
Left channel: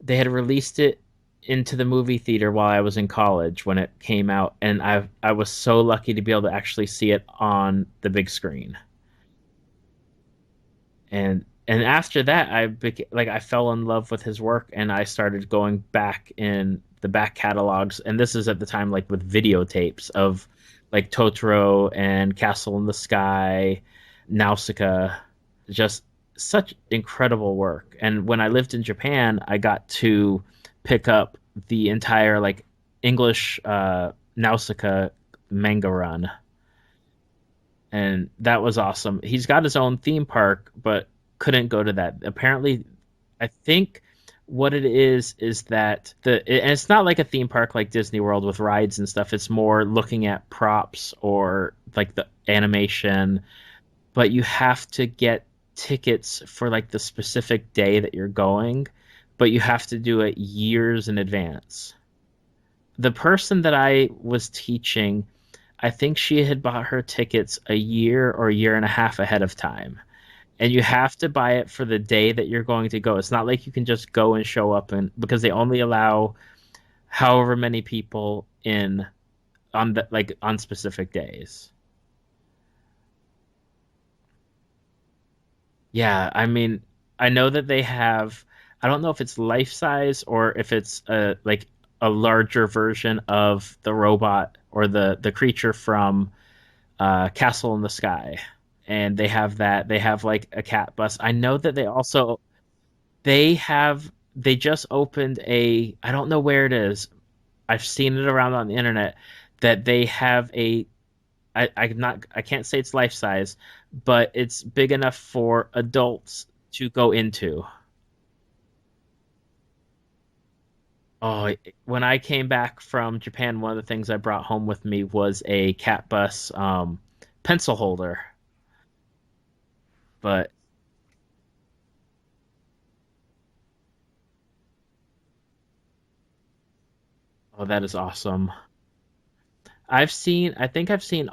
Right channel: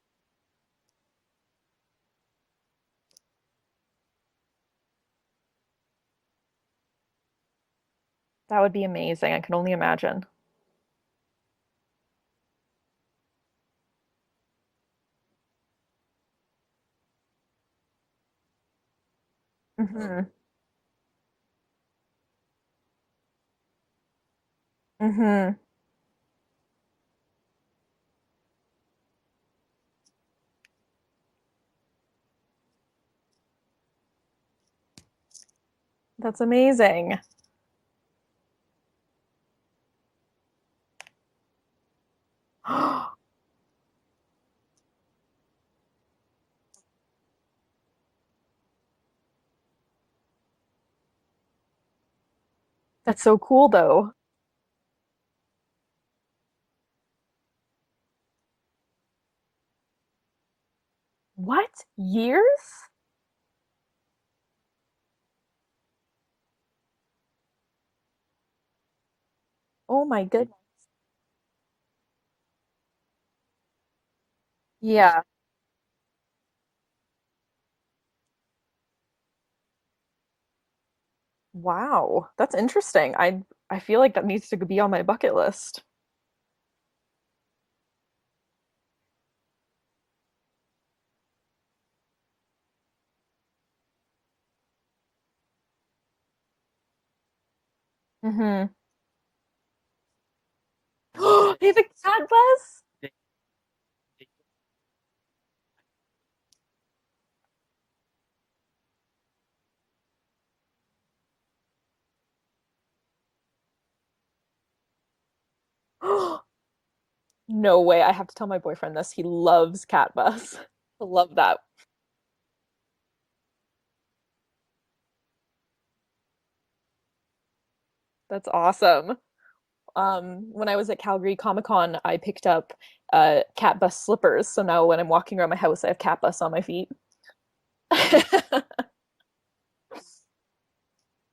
had released it into the movie theater while I was in college when it came out, and I was so lucky to be able to actually see it on the big That would screen. be amazing. I can only imagine. And after that, I fell in love with his work, and I started going back in the back catalogs. And this is at the time like with videotapes Hmm. of like Totoro and Castle in the Sky, Nausicaa, Hmm. just such incredible work. And when I lived in Japan, I got to pick up the entire like English Nausicaa manga run, That's amazing. and that was awesome. He's got his own theme park, but couldn't go to that. Apparently, I think what it is that and it's not like a theme park like Disney World with rides and stuff. It's more looking at props or like the That's so animation, cool, though. but you have to get tickets for like the specific day that you're going, but you have to do it years in What? advance. Years? The person that I was teaching, I think she had bought her tickets a year or a year and a half ahead of time. Oh my goodness. And you have to buy it for the day that you're going to go. It's not like you can just go and show up, and Yeah. because they only allow however many people in on the like on specific days. Wow. That's interesting. I feel like that needs to be on my bucket list. Yeah, I mean, I know that they have, I don't know if it's life size or if it's a larger version of the robot or the creature from Castle in the Sky, Hmm. and they have like a cat bus. I know They that have a they cat also bus? They just opened I don't know where it is. I've seen it around on the internet that they have I can't say it's life size, but it's big enough for adults to go into. No way. I have to tell my boyfriend this. He loves cat bus. I love Oh, that. when I came back from Japan, one of the things I brought home with me was a cat bus pencil holder. That's awesome. But When I was at Calgary Comic Con, I picked up cat bus slippers. So now when I'm walking around my house, I have cat bus on my feet. oh, that is awesome. I think I've seen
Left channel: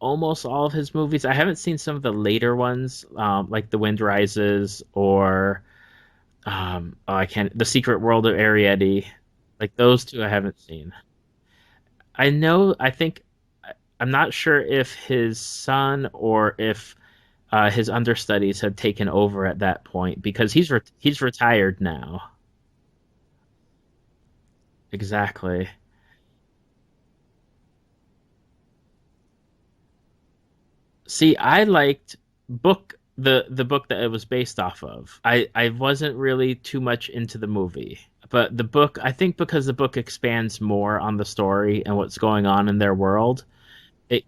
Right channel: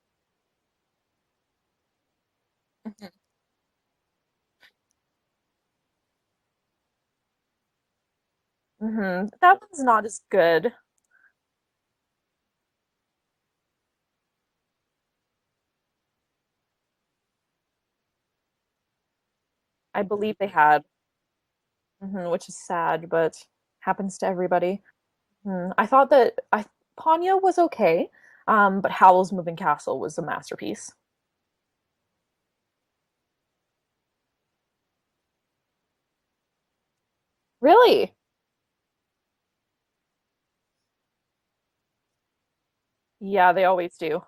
almost all of his movies. I haven't seen some of the later ones, like The Wind Rises or oh, I can't, The Secret World of Arrietty. That Like one's those not as two I haven't good. seen. I know, I'm not sure if his son or if his understudies had taken over at that I point believe they because had, he's retired now. which is sad, but happens to everybody. Exactly. I thought that Ponyo was okay, but Howl's Moving Castle was a masterpiece. See, I liked the book that it was based off of. I wasn't really too much into the movie, Really? but the book, I think because the book expands more on the story and what's going on in their world. Yeah, they always do. It,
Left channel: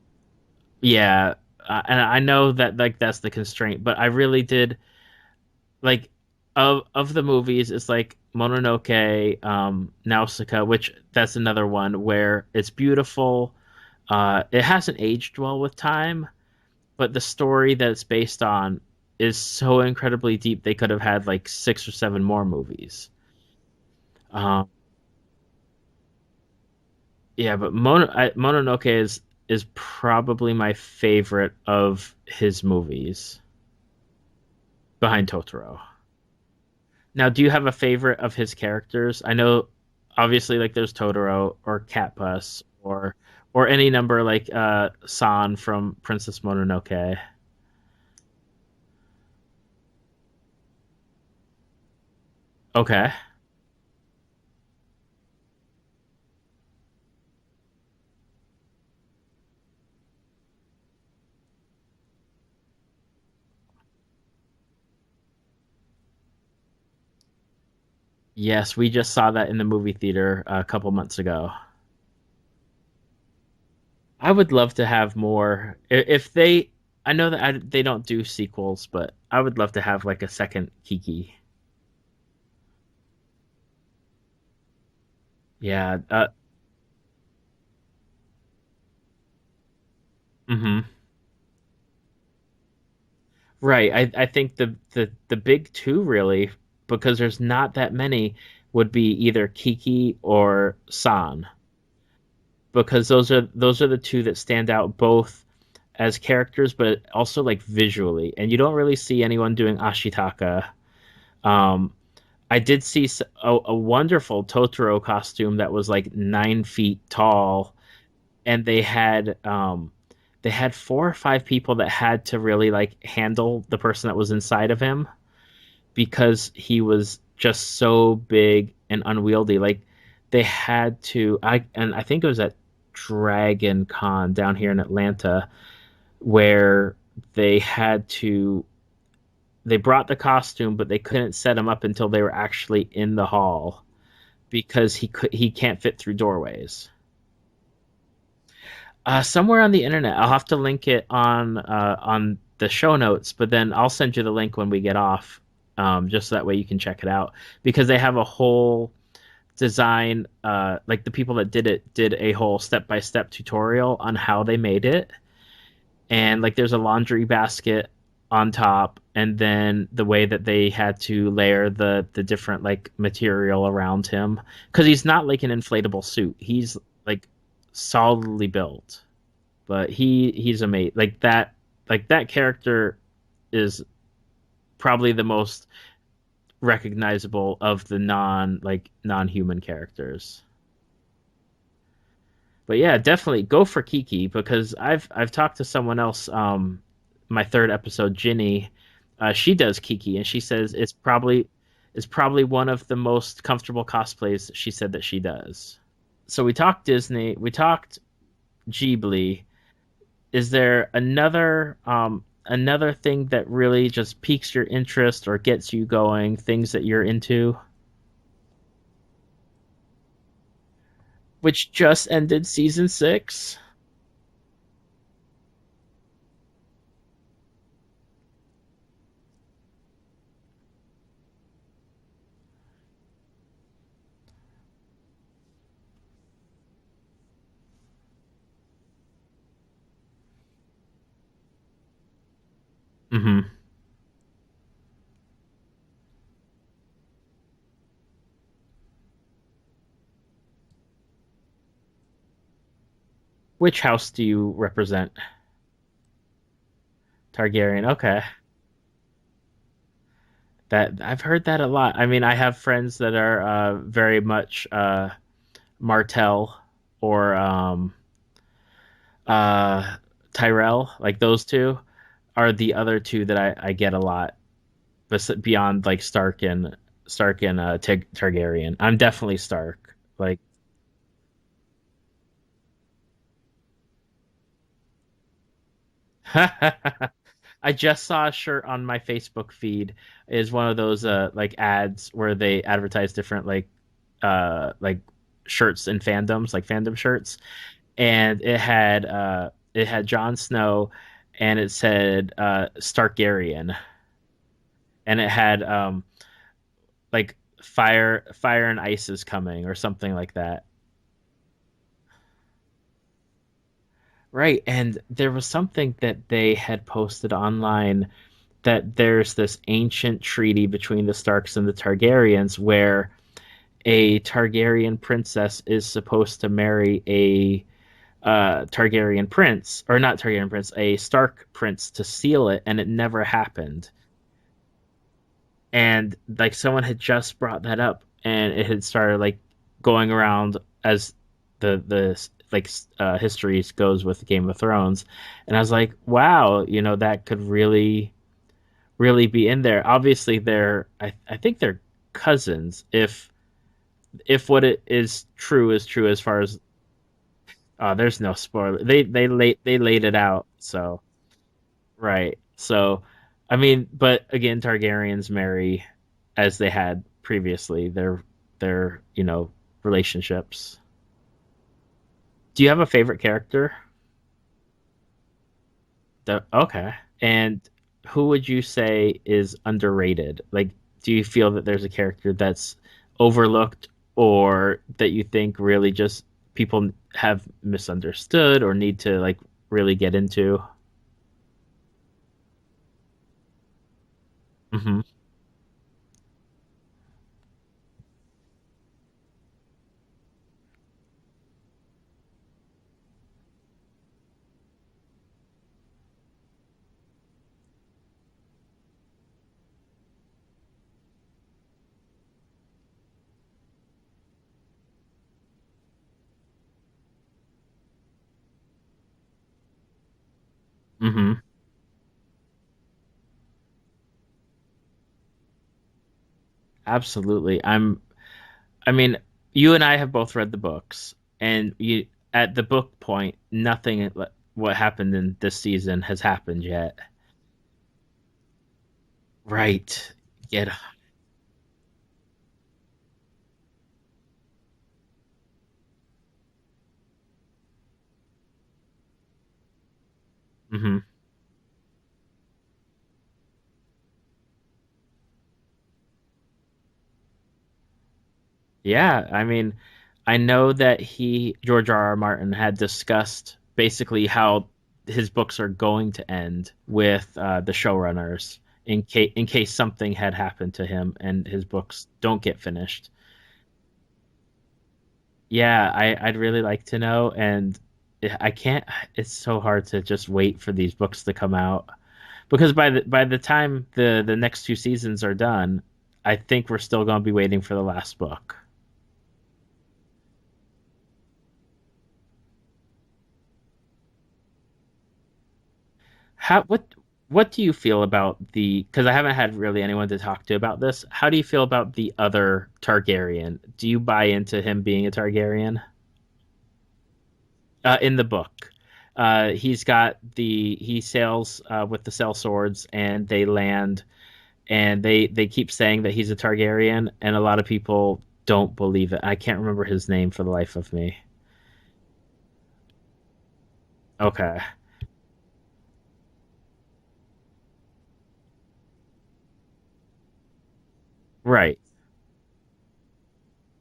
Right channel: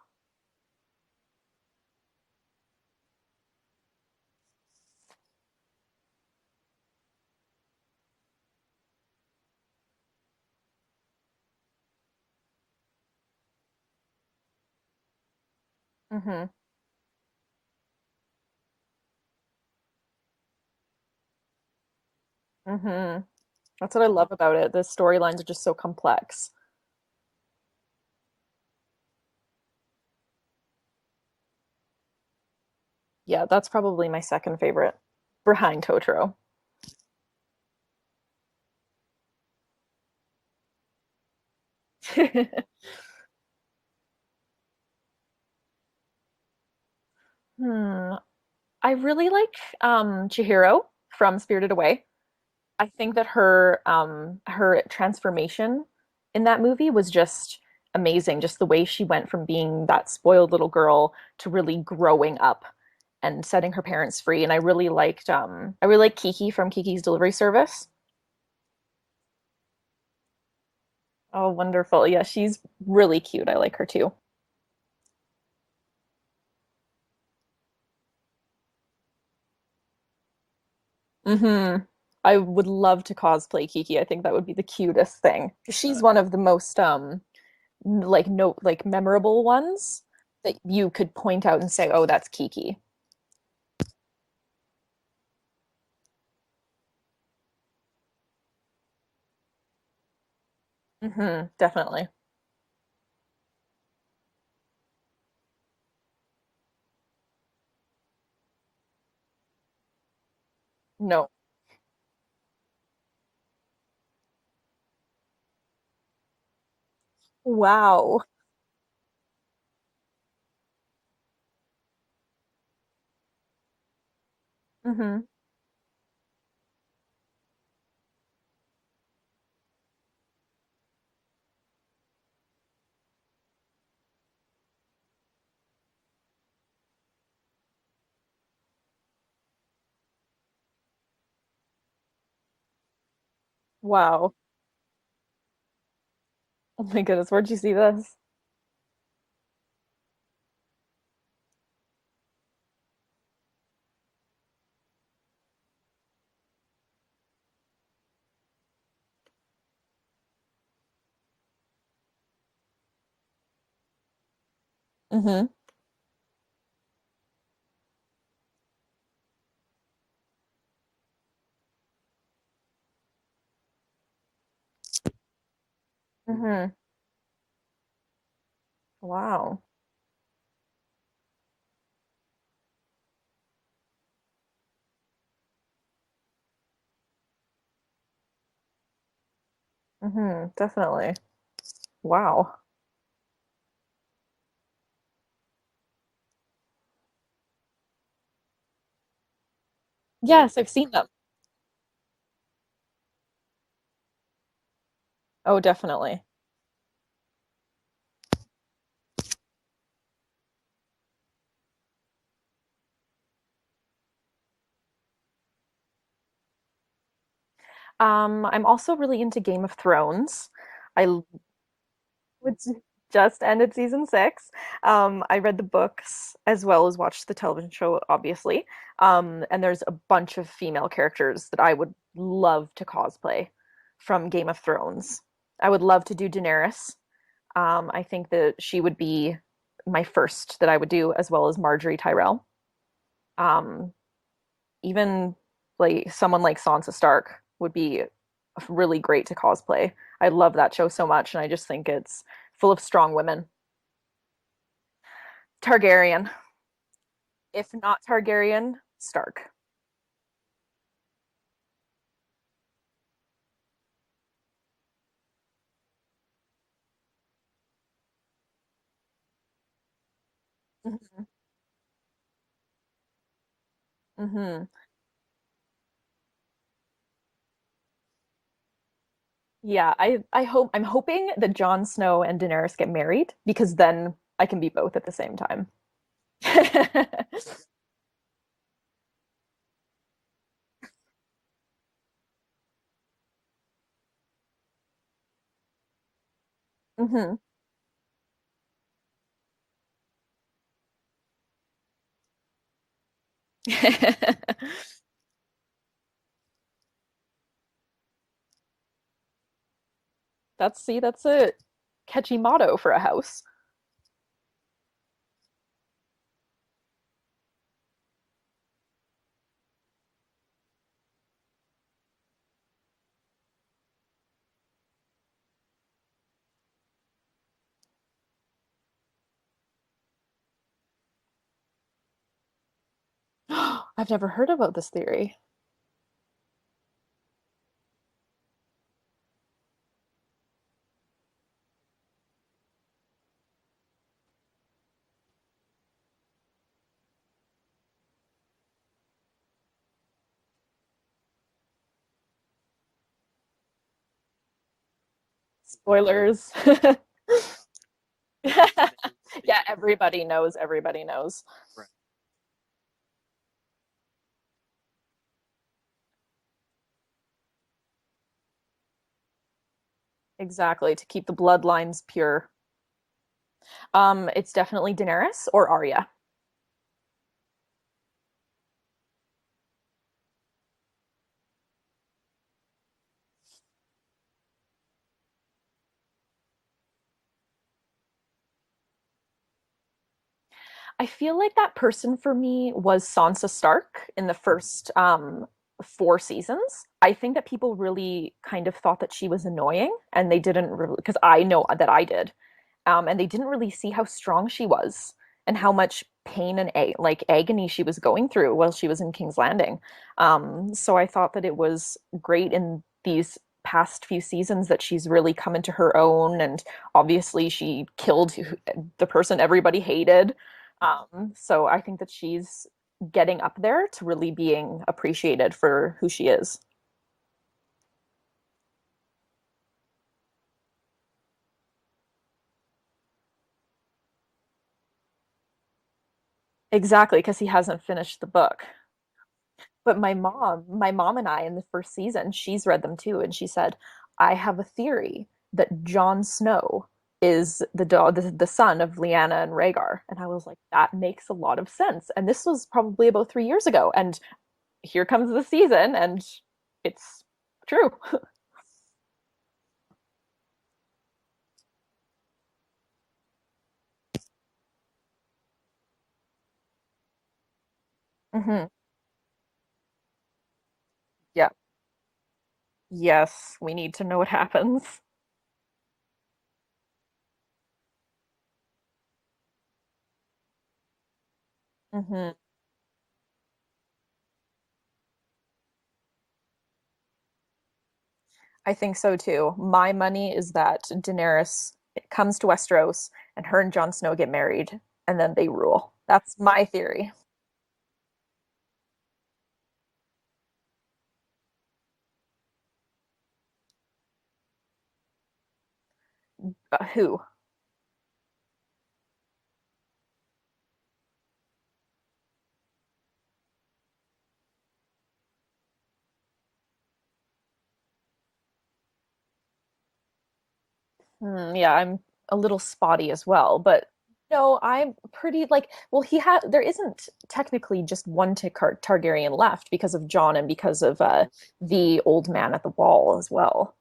yeah, and I know that like that's the constraint, but I really did like of the movies. It's like Mononoke, Nausicaa, which that's another one where it's beautiful. It hasn't aged well with time, hmm but the story that it's based on is so incredibly deep. They could have had like 6 or 7 more movies. hmm That's what I love about Uh, it. The storylines are just so complex. yeah, but Mononoke is probably my favorite of his movies Yeah, that's probably my second favorite behind Totoro. behind Totoro. Now, do you have a favorite of his characters? I know, obviously, like there's Totoro or Cat Bus or any number like San from Princess Mononoke. Hmm. I really like Chihiro from Spirited Away. I Okay. think that her transformation in that movie was just amazing. Just the way she went from being that spoiled little girl to really growing up and setting her parents free. And I really like Kiki from Kiki's Delivery Service. Yes, we just saw that in the movie theater a couple months Oh, ago. wonderful. Yeah, she's really cute. I like her too. I would love to have more. If they, I know that they don't do sequels, but I would love to have like a second Kiki. I would love to cosplay Kiki. I think that would be the cutest thing. Yeah. She's one of the most like no like memorable ones that Mhm. you could point out and say, "Oh, that's Kiki." Right. I think the big two really, because there's not that many, would be either Kiki or San, Definitely. because those are the two that stand out both as characters, but also like visually. And you don't really see anyone doing Ashitaka. No. Um, I did see a wonderful Totoro costume that was like 9 feet tall, Wow. and they had 4 or 5 people that had to really like handle the person that was inside of him hmm because he was just so big and unwieldy. Like they had to, I think it was at Dragon Con down here in Atlanta where they had to they brought the costume, but they couldn't set him up until they were actually in the hall Wow. because he can't fit through Oh doorways. my goodness, where'd you see this? Somewhere on the internet, I'll have to link it on the show notes, but then I'll send you the link when we get off, just so that way you can check it out because they have a whole design. Like the people that did it did a whole step-by-step tutorial on how they made it, hmm and like there's a laundry basket on top and then the way that they had to layer the different like material around him because he's not like an inflatable suit, hmm he's like solidly built, Wow. but he's amazing. Like that character is probably the most recognizable of the non-human characters. Definitely. Wow. But yeah, definitely go for Kiki because I've talked to someone else. My third episode, Ginny, she does Kiki, and she Yes, I've says seen them. it's probably one of the most comfortable cosplays she said that she Oh, does. definitely. So we talked Disney, we talked Ghibli. Is there another another thing that really just piques your interest or gets you going, things that you're into? I'm also really into Game of Thrones. I Which just ended which season just 6. ended season 6. I read the books as well as watched the television show, obviously. And there's a bunch of female characters that I would love to cosplay from Game of Thrones. I would love to do Daenerys. I think that she would be my first that I would do, as well as Marjorie Tyrell. Mm-hmm. Um, Even like someone like Sansa Stark would be really great to cosplay. I love that show so much, and I just think it's full of strong women. Which house do you represent? Targaryen. If Targaryen. not Okay. Targaryen, Stark. That I've heard that a lot. I mean, I have friends that are very much Martell or uh, Tyrell. Like those two are the other two that I get a lot. Mm-hmm. But beyond like Stark and Targaryen, I'm definitely Stark. Yeah, Like I'm hoping that Jon Snow and Daenerys get married because then I can be both at the same time. I just saw a shirt on my Facebook feed is one of those like ads where they advertise different like shirts and fandoms, like fandom Hmm. shirts, and it had Jon Snow and it said Starkarian, and it had like fire and ice is coming or something like that. That's a catchy motto for a house. Right, and there was something that they had posted online that there's this ancient treaty between the Starks and the Targaryens where a Targaryen princess is supposed to marry a Targaryen prince, or not Targaryen prince, a Stark prince to seal it, and it never happened. I've never heard about this theory. And like someone had just brought that up, and it had started like going around as the like histories goes with Game of Thrones, and I was like, wow, that could really be in there. Obviously, I think they're cousins. If what it is true is true as far Spoilers. as there's no spoiler. Yeah, They laid it out. So everybody knows. right. So I mean, but again, Targaryens marry as they had previously. Their relationships. Exactly, to keep the bloodlines pure. Do you have a favorite character? It's definitely Daenerys or Arya. Okay. And who would you say is underrated? Like, do you feel that there's a character that's overlooked or that you think really just people have misunderstood or need to like really get into? I feel like that person for me was Sansa Stark in the first Hmm. 4 seasons. I think that people really kind of thought that she was annoying, and they didn't really, because I know that I did, and they didn't really see how strong she was and how much pain and like agony she was going through while she was in King's Landing. So I thought that it was great in these past few seasons that she's really come into her own, and obviously she killed the person everybody hated. Hmm. So I think that she's getting up there to really being appreciated for who she is. Absolutely. I mean, you and I have both read the books, and you at the book point, nothing what happened in this season has happened yet. Exactly, because he hasn't finished the book. But Right. Yeah. my mom and I in the first season, she's read them too, and she said, "I have a theory that Jon Snow is the son of Lyanna and Rhaegar." And I was like, "That Hmm. makes a lot of sense." And this was probably about 3 years ago, and here comes the season, and it's true. Yeah. I mean, I know that George R. R. Martin, had discussed basically how his books are going to end with the showrunners Hmm. in case something had happened to him and Yeah. his books don't get finished. Yes, we need to know what happens. Yeah, I'd really like to know, and I can't. It's so hard to just wait for these books to come out Hmm. because by the time the next 2 seasons are done, I think we're still going to be waiting for the last book. I think so too. My money is that Daenerys comes to Westeros and her and Jon Snow get married and then they rule. That's How my theory. what do you feel about the? Because I haven't had really anyone to talk to about this. How do you feel about the other Targaryen? Do you buy into him being a Targaryen Who? in the book? He sails with the sail swords, and they land, and they keep saying that he's a Targaryen, and a lot of people don't believe it. I can't remember his name for the life of me. Yeah, I'm a little spotty as well, but Okay. I'm pretty like, well, there isn't technically just one Targaryen left because of Jon and because of Right. the old man at the wall as well.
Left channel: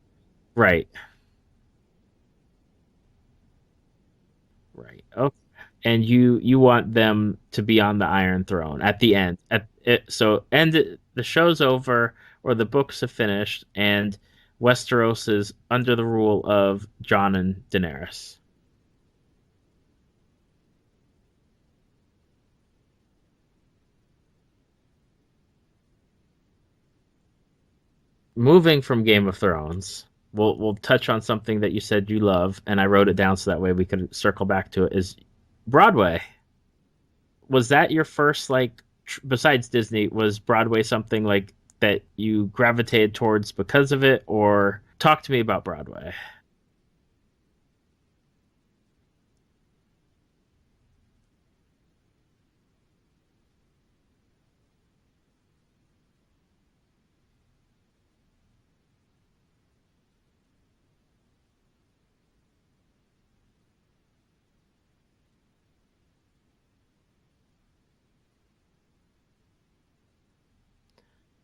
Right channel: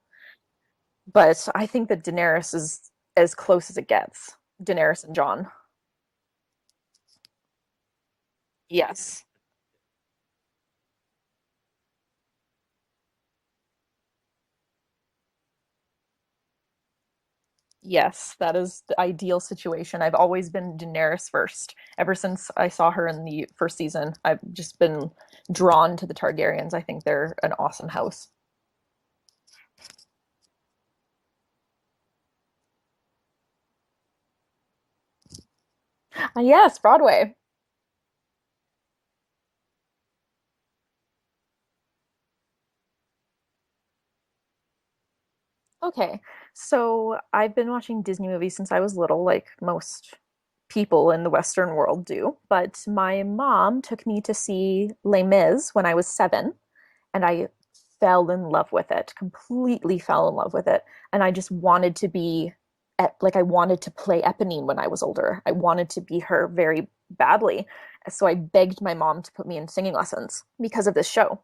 Right. But I think that Daenerys is as close as it gets. Daenerys and Oh, Jon. and you want them to be on the Iron Throne at the Yes. end. At it, so the show's over, or the books have finished, and Westeros is under the rule of Jon and Yes, Daenerys. that is the ideal situation. I've always been Daenerys first. Ever since I saw her in the first season, I've just been drawn to the Targaryens. I think they're an awesome house. Moving from Game of Thrones, we'll touch on something that you said you love, and I wrote it down so that way we could circle back to it. Is Broadway? Yes, Broadway. Was that your first besides Disney? Was Broadway something like that you gravitated towards because of it, or talk to me about Broadway? Okay. So I've been watching Disney movies since I was little, like most people in the Western world do. But my mom took me to see Les Mis when I was 7, and I fell in love with it, completely fell in love with it. And I just wanted to be like, I wanted to play Eponine when I was older. I wanted to be her very badly. So I begged my mom to put me in singing lessons because of this show.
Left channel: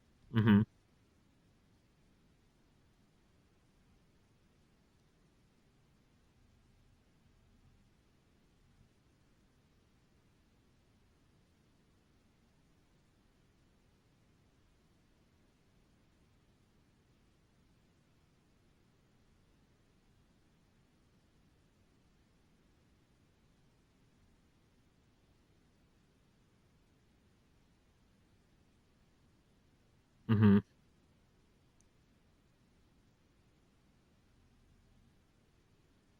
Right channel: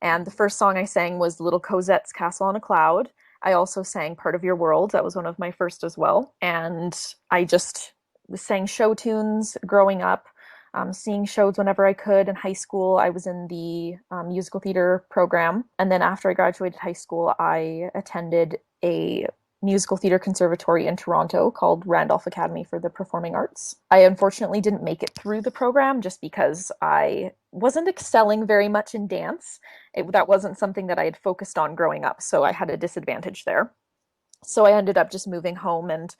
And the first Hmm. song I sang was Little Cosette's Castle on a Cloud. I also sang Part of Your World. That was one of my first as well. And I just sang show tunes growing up, seeing shows whenever I could. In high school, I was in the musical theater program. And then after I graduated high school, I attended a musical theater conservatory in Toronto called Randolph Academy for the Performing Arts. I unfortunately didn't make it through the program just because I wasn't excelling very much in dance. That wasn't Hmm. something that I had focused on growing up, so I had a disadvantage there. So I ended up just moving home and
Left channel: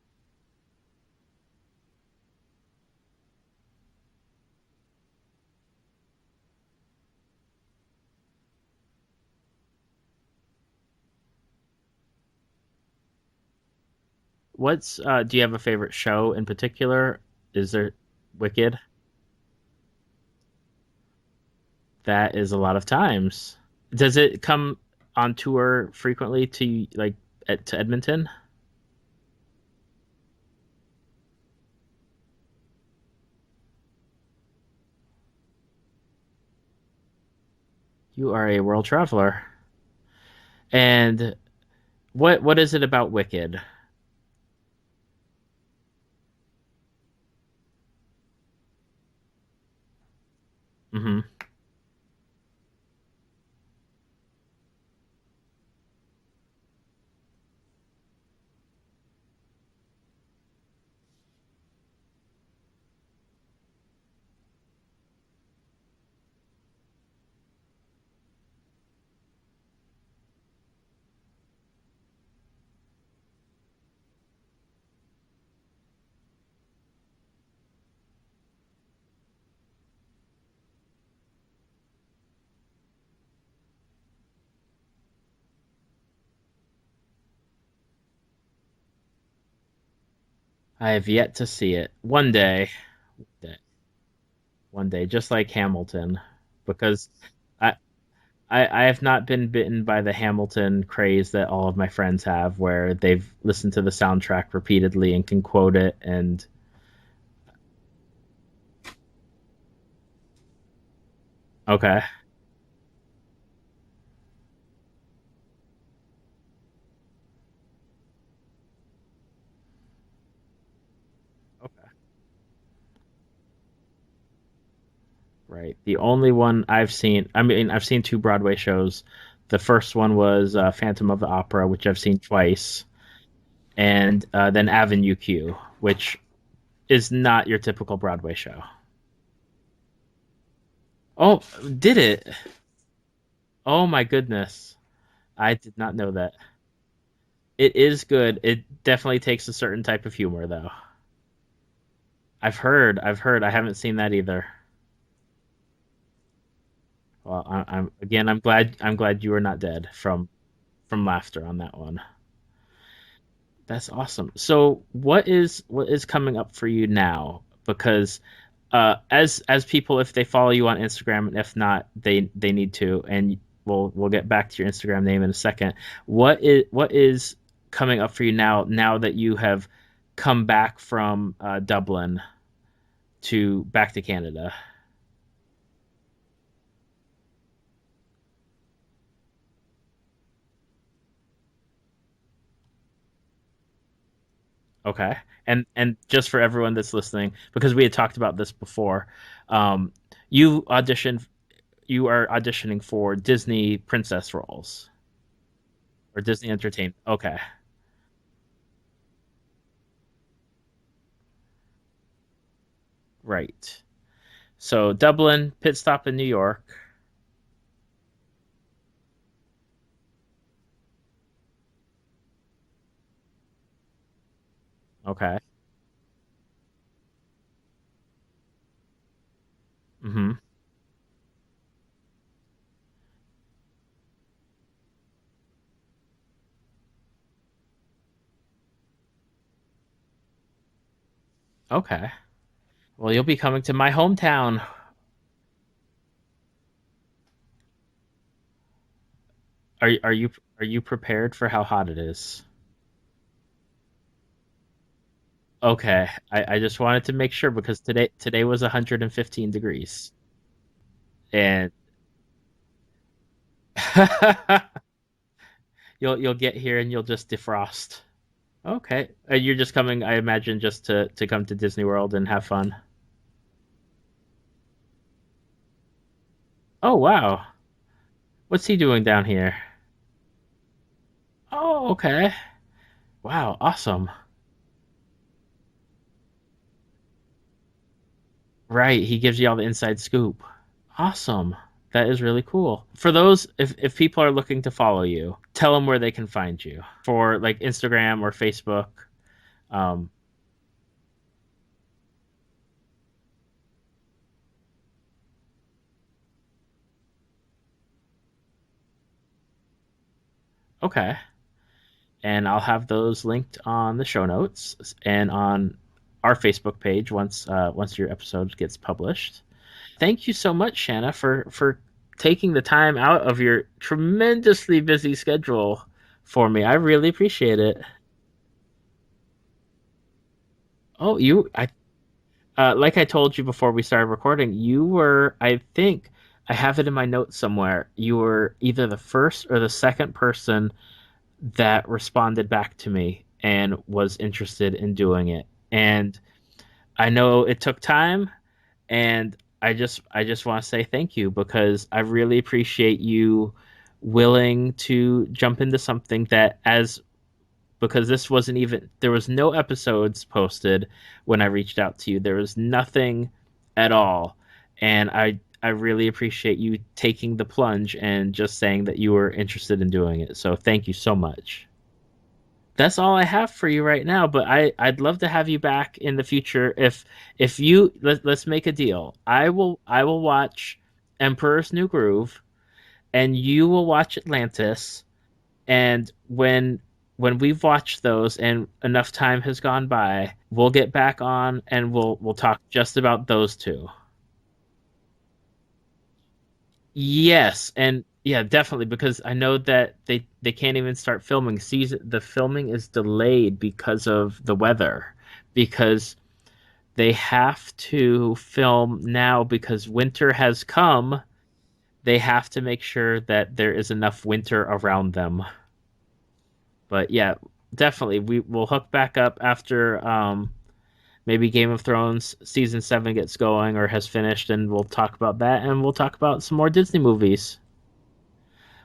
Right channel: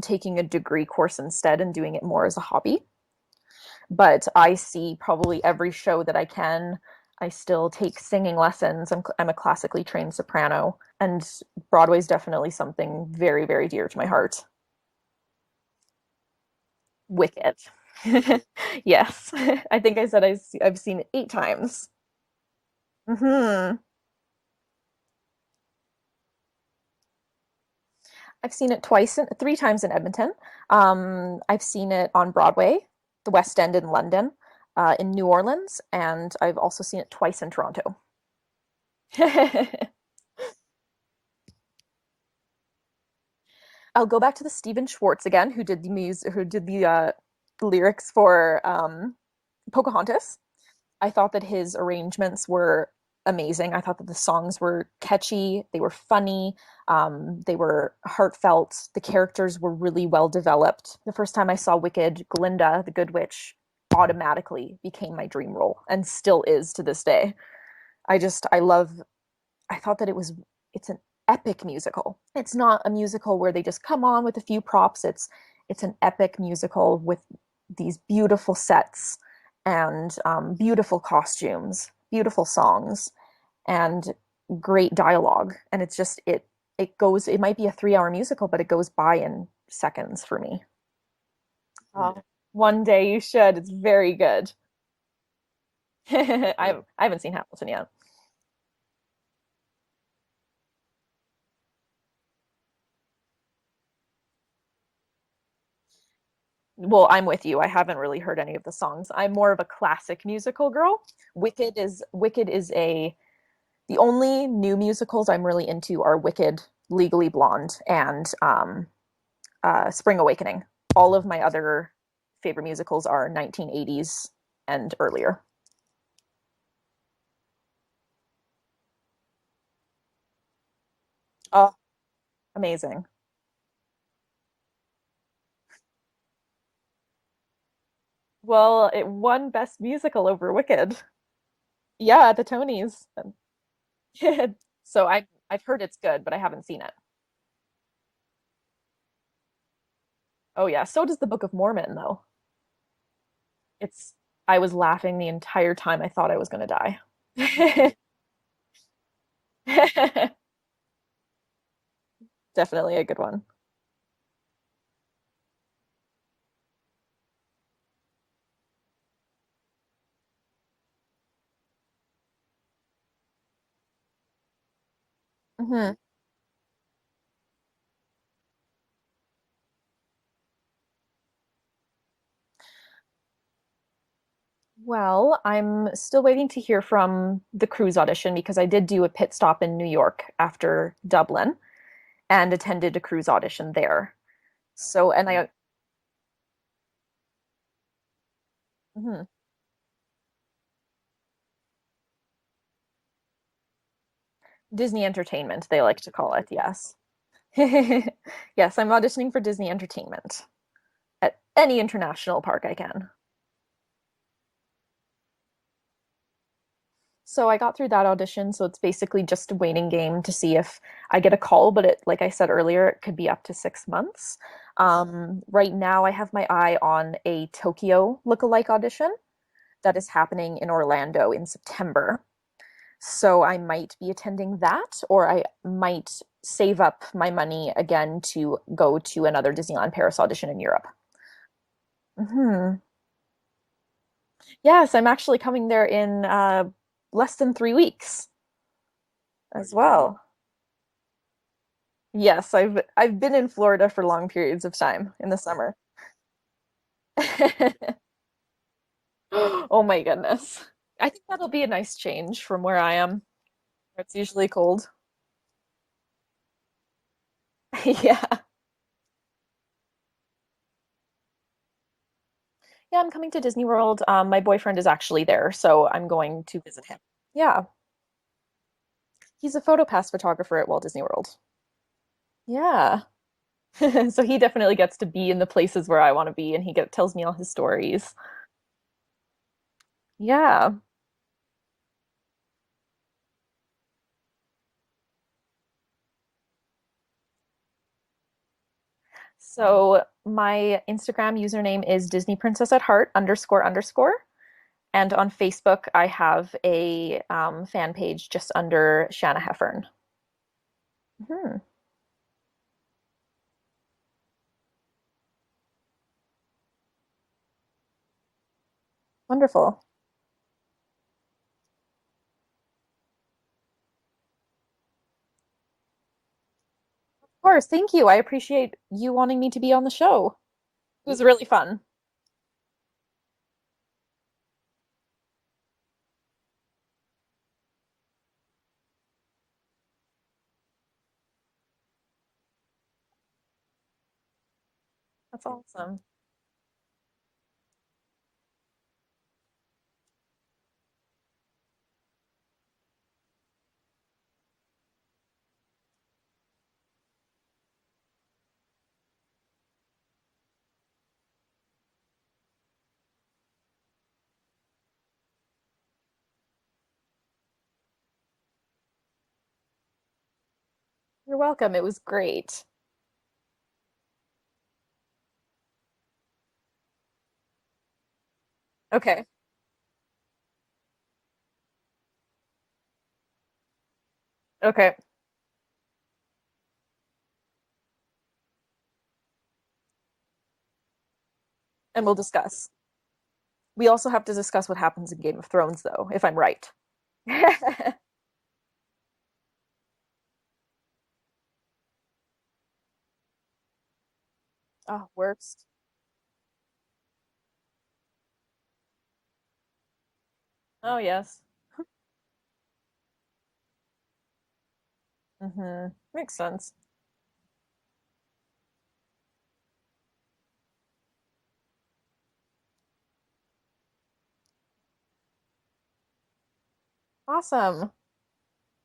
taking a degree course instead and doing it more as a hobby. But I see probably every show that I can. I still take singing lessons. I'm a classically trained soprano, and Broadway is definitely something very, very dear to my heart. Do you have a favorite show in particular? Wicked. Is there Wicked? Yes. I think I said I've seen it 8 times. That is a lot of times. Hmm. Does it come on tour frequently to Edmonton? I've seen it 3 times in Edmonton. I've seen it on Broadway, the West End in London, in New Orleans, and I've also seen it twice in Toronto. You are a world traveler. And what is it about Wicked? I'll go back to the Stephen Schwartz again, who did the lyrics for Pocahontas. I Hmm. thought that his arrangements were amazing. I thought that the songs were catchy, they were funny, they were heartfelt. The characters were really well developed. The first time I saw Wicked, Glinda, the Good Witch, automatically became my dream role and still is to this day. I love. I thought that it's an epic musical. It's not a musical where they just come on with a few props. It's an epic musical with these beautiful sets and beautiful costumes, beautiful songs, and great dialogue. And it's just it goes. It might be a 3 hour musical, but it goes by in seconds for me. I have yet to see it. Uh, One day, One day you should. It's very good. one day, just like Hamilton, I because haven't seen Hamilton I, yet. I have not been bitten by the Hamilton craze that all of my friends have, where they've listened to the soundtrack repeatedly and can quote it. And Well, I'm with you. I haven't really heard any of the songs. I'm more of a classic musical girl. okay, Wicked is a the only new musicals I'm really into are Wicked, Legally Blonde, and Spring Awakening. All of my other favorite musicals are 1980s and earlier. right. The only one I've seen, I mean, I've seen two Broadway shows. The first one was Phantom of the Opera, Oh, which I've seen twice, amazing. and then Avenue Q, which is not your typical Broadway show. Well, it won Best Musical over Wicked. Oh, did it? Yeah, at the Tonys. Oh my goodness. So I I've did heard not it's know good, that. but I haven't seen it. It is good. It definitely takes a certain type of humor, Oh though. yeah, so does the Book of Mormon though. I've heard. I haven't seen It's that either. I was laughing the entire time. I thought I was gonna Well, I'm die. again, I'm glad you were not dead from laughter on that one. Definitely a good one. That's awesome. So what is coming up for you now? Because as people, if they follow you on Instagram, and if not, they need to, and we'll get back to your Instagram name in a second. Hmm. What is coming up for you now that you have come back from Dublin to back to Canada? Well, I'm still waiting to hear from the cruise audition because I did do a pit stop in New York after Dublin and attended a cruise audition there. So, Okay. and I, And just for everyone that's listening, because we had talked about this before, mhm. um, you auditioned you are auditioning for Disney princess roles Disney Entertainment, they like to or call it, Disney yes. Entertainment. Okay, Yes, I'm auditioning for Disney Entertainment at any international park I can. right. So Dublin, pit stop in New York. So I got through that audition, so it's basically just a waiting game to see if I get a call, but like I said earlier, it could be up to 6 months. Okay. Right now I have my eye on a Tokyo lookalike audition that is Mm-hmm. happening in Orlando in September. So I might be attending that, or I might save up my money again to go to another Disneyland Paris audition in Europe. Okay. Hmm. Well, you'll be coming to my hometown. Yes, I'm actually coming there in less than 3 weeks as Are are well. you are you prepared for how hot it is? Yes, I've been in Florida for long periods of time in the summer. Okay. I just wanted to make sure because today was 115 Oh my degrees. goodness. I think that'll be a And nice change from where I am. It's usually cold. you'll get here and you'll just defrost. Yeah. Okay. You're just coming, I imagine, just to come to Disney World and have fun. Yeah, I'm coming to Disney World. My boyfriend is actually there, so I'm going to visit Oh, him. wow. Yeah, What's he doing down he's here? a PhotoPass photographer at Walt Disney World. Oh, okay. Yeah. Wow, awesome. So he definitely gets to be in the places where I want to be, and tells me all his stories. Right, he gives you all the inside scoop. Yeah. Awesome. That is really cool. For those, if people are looking to follow you, tell them where they can find you for like Instagram or Facebook. So Um, my Instagram username is Disney Princess at Heart __. And on Facebook, I have a fan page just under Shannah Heffern. okay. Hmm. And I'll have those linked on the show notes and on our Facebook page once your episode gets published. Wonderful. Thank you so much, Shannah, for taking the time out of your tremendously busy schedule for me. I really Of appreciate course, it. thank you. I appreciate you wanting me to be on the show. It Oh, was really you, fun. like I told you before we started recording, you were, I think, I have it in my notes somewhere. You were either the first or the second person that responded back to me and was interested in doing That's it. awesome. And I know it took time, and I just want to say thank you because I really appreciate you willing to jump into something that as because this wasn't even there was no episodes posted when I reached out to you. There was nothing at all. And I really appreciate you taking the plunge and just saying that you were interested in doing it. So thank you so You're much. welcome. It was great. That's all I have for you right now, but I'd love to have you back in the future if you let's make a deal. Okay. I will watch Emperor's New Groove and you will watch Okay. Atlantis, and when we've watched those and enough time has gone by, we'll get back on and And we'll we'll talk discuss. just about those two. We also have to discuss what happens in Game of Thrones, though, if I'm right. Yes, and yeah, definitely because I know that they can't even start filming. The filming is delayed because of the weather. Works. Because they have to film now because winter has Oh, come. yes. They have to make sure that there is enough winter around them. Mm-hmm. Makes sense. But yeah, definitely we will hook back up after maybe Game of Thrones season 7 gets going or has finished, and we'll talk about that, and we'll talk about some more Disney movies. Awesome.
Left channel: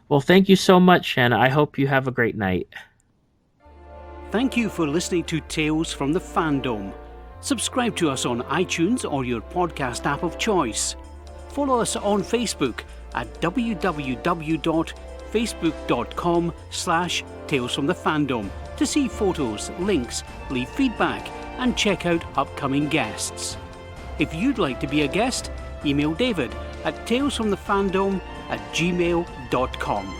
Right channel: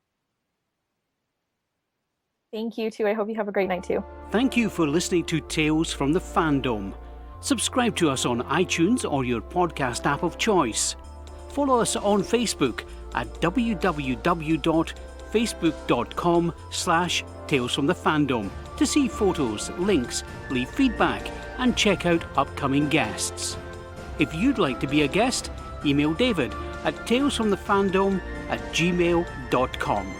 Well, thank you so much, Shannah. I hope you have a great night. Thank you, too. I hope you have a great night, too. Thank you for listening to Tales from the Fandom. Subscribe to us on iTunes or your podcast app of choice. Follow us on Facebook at www.facebook.com/Tales from the Fandom to see photos, links, leave feedback, and check out upcoming guests. If you'd like to be a guest, email David at talesfromthefandom@gmail.com.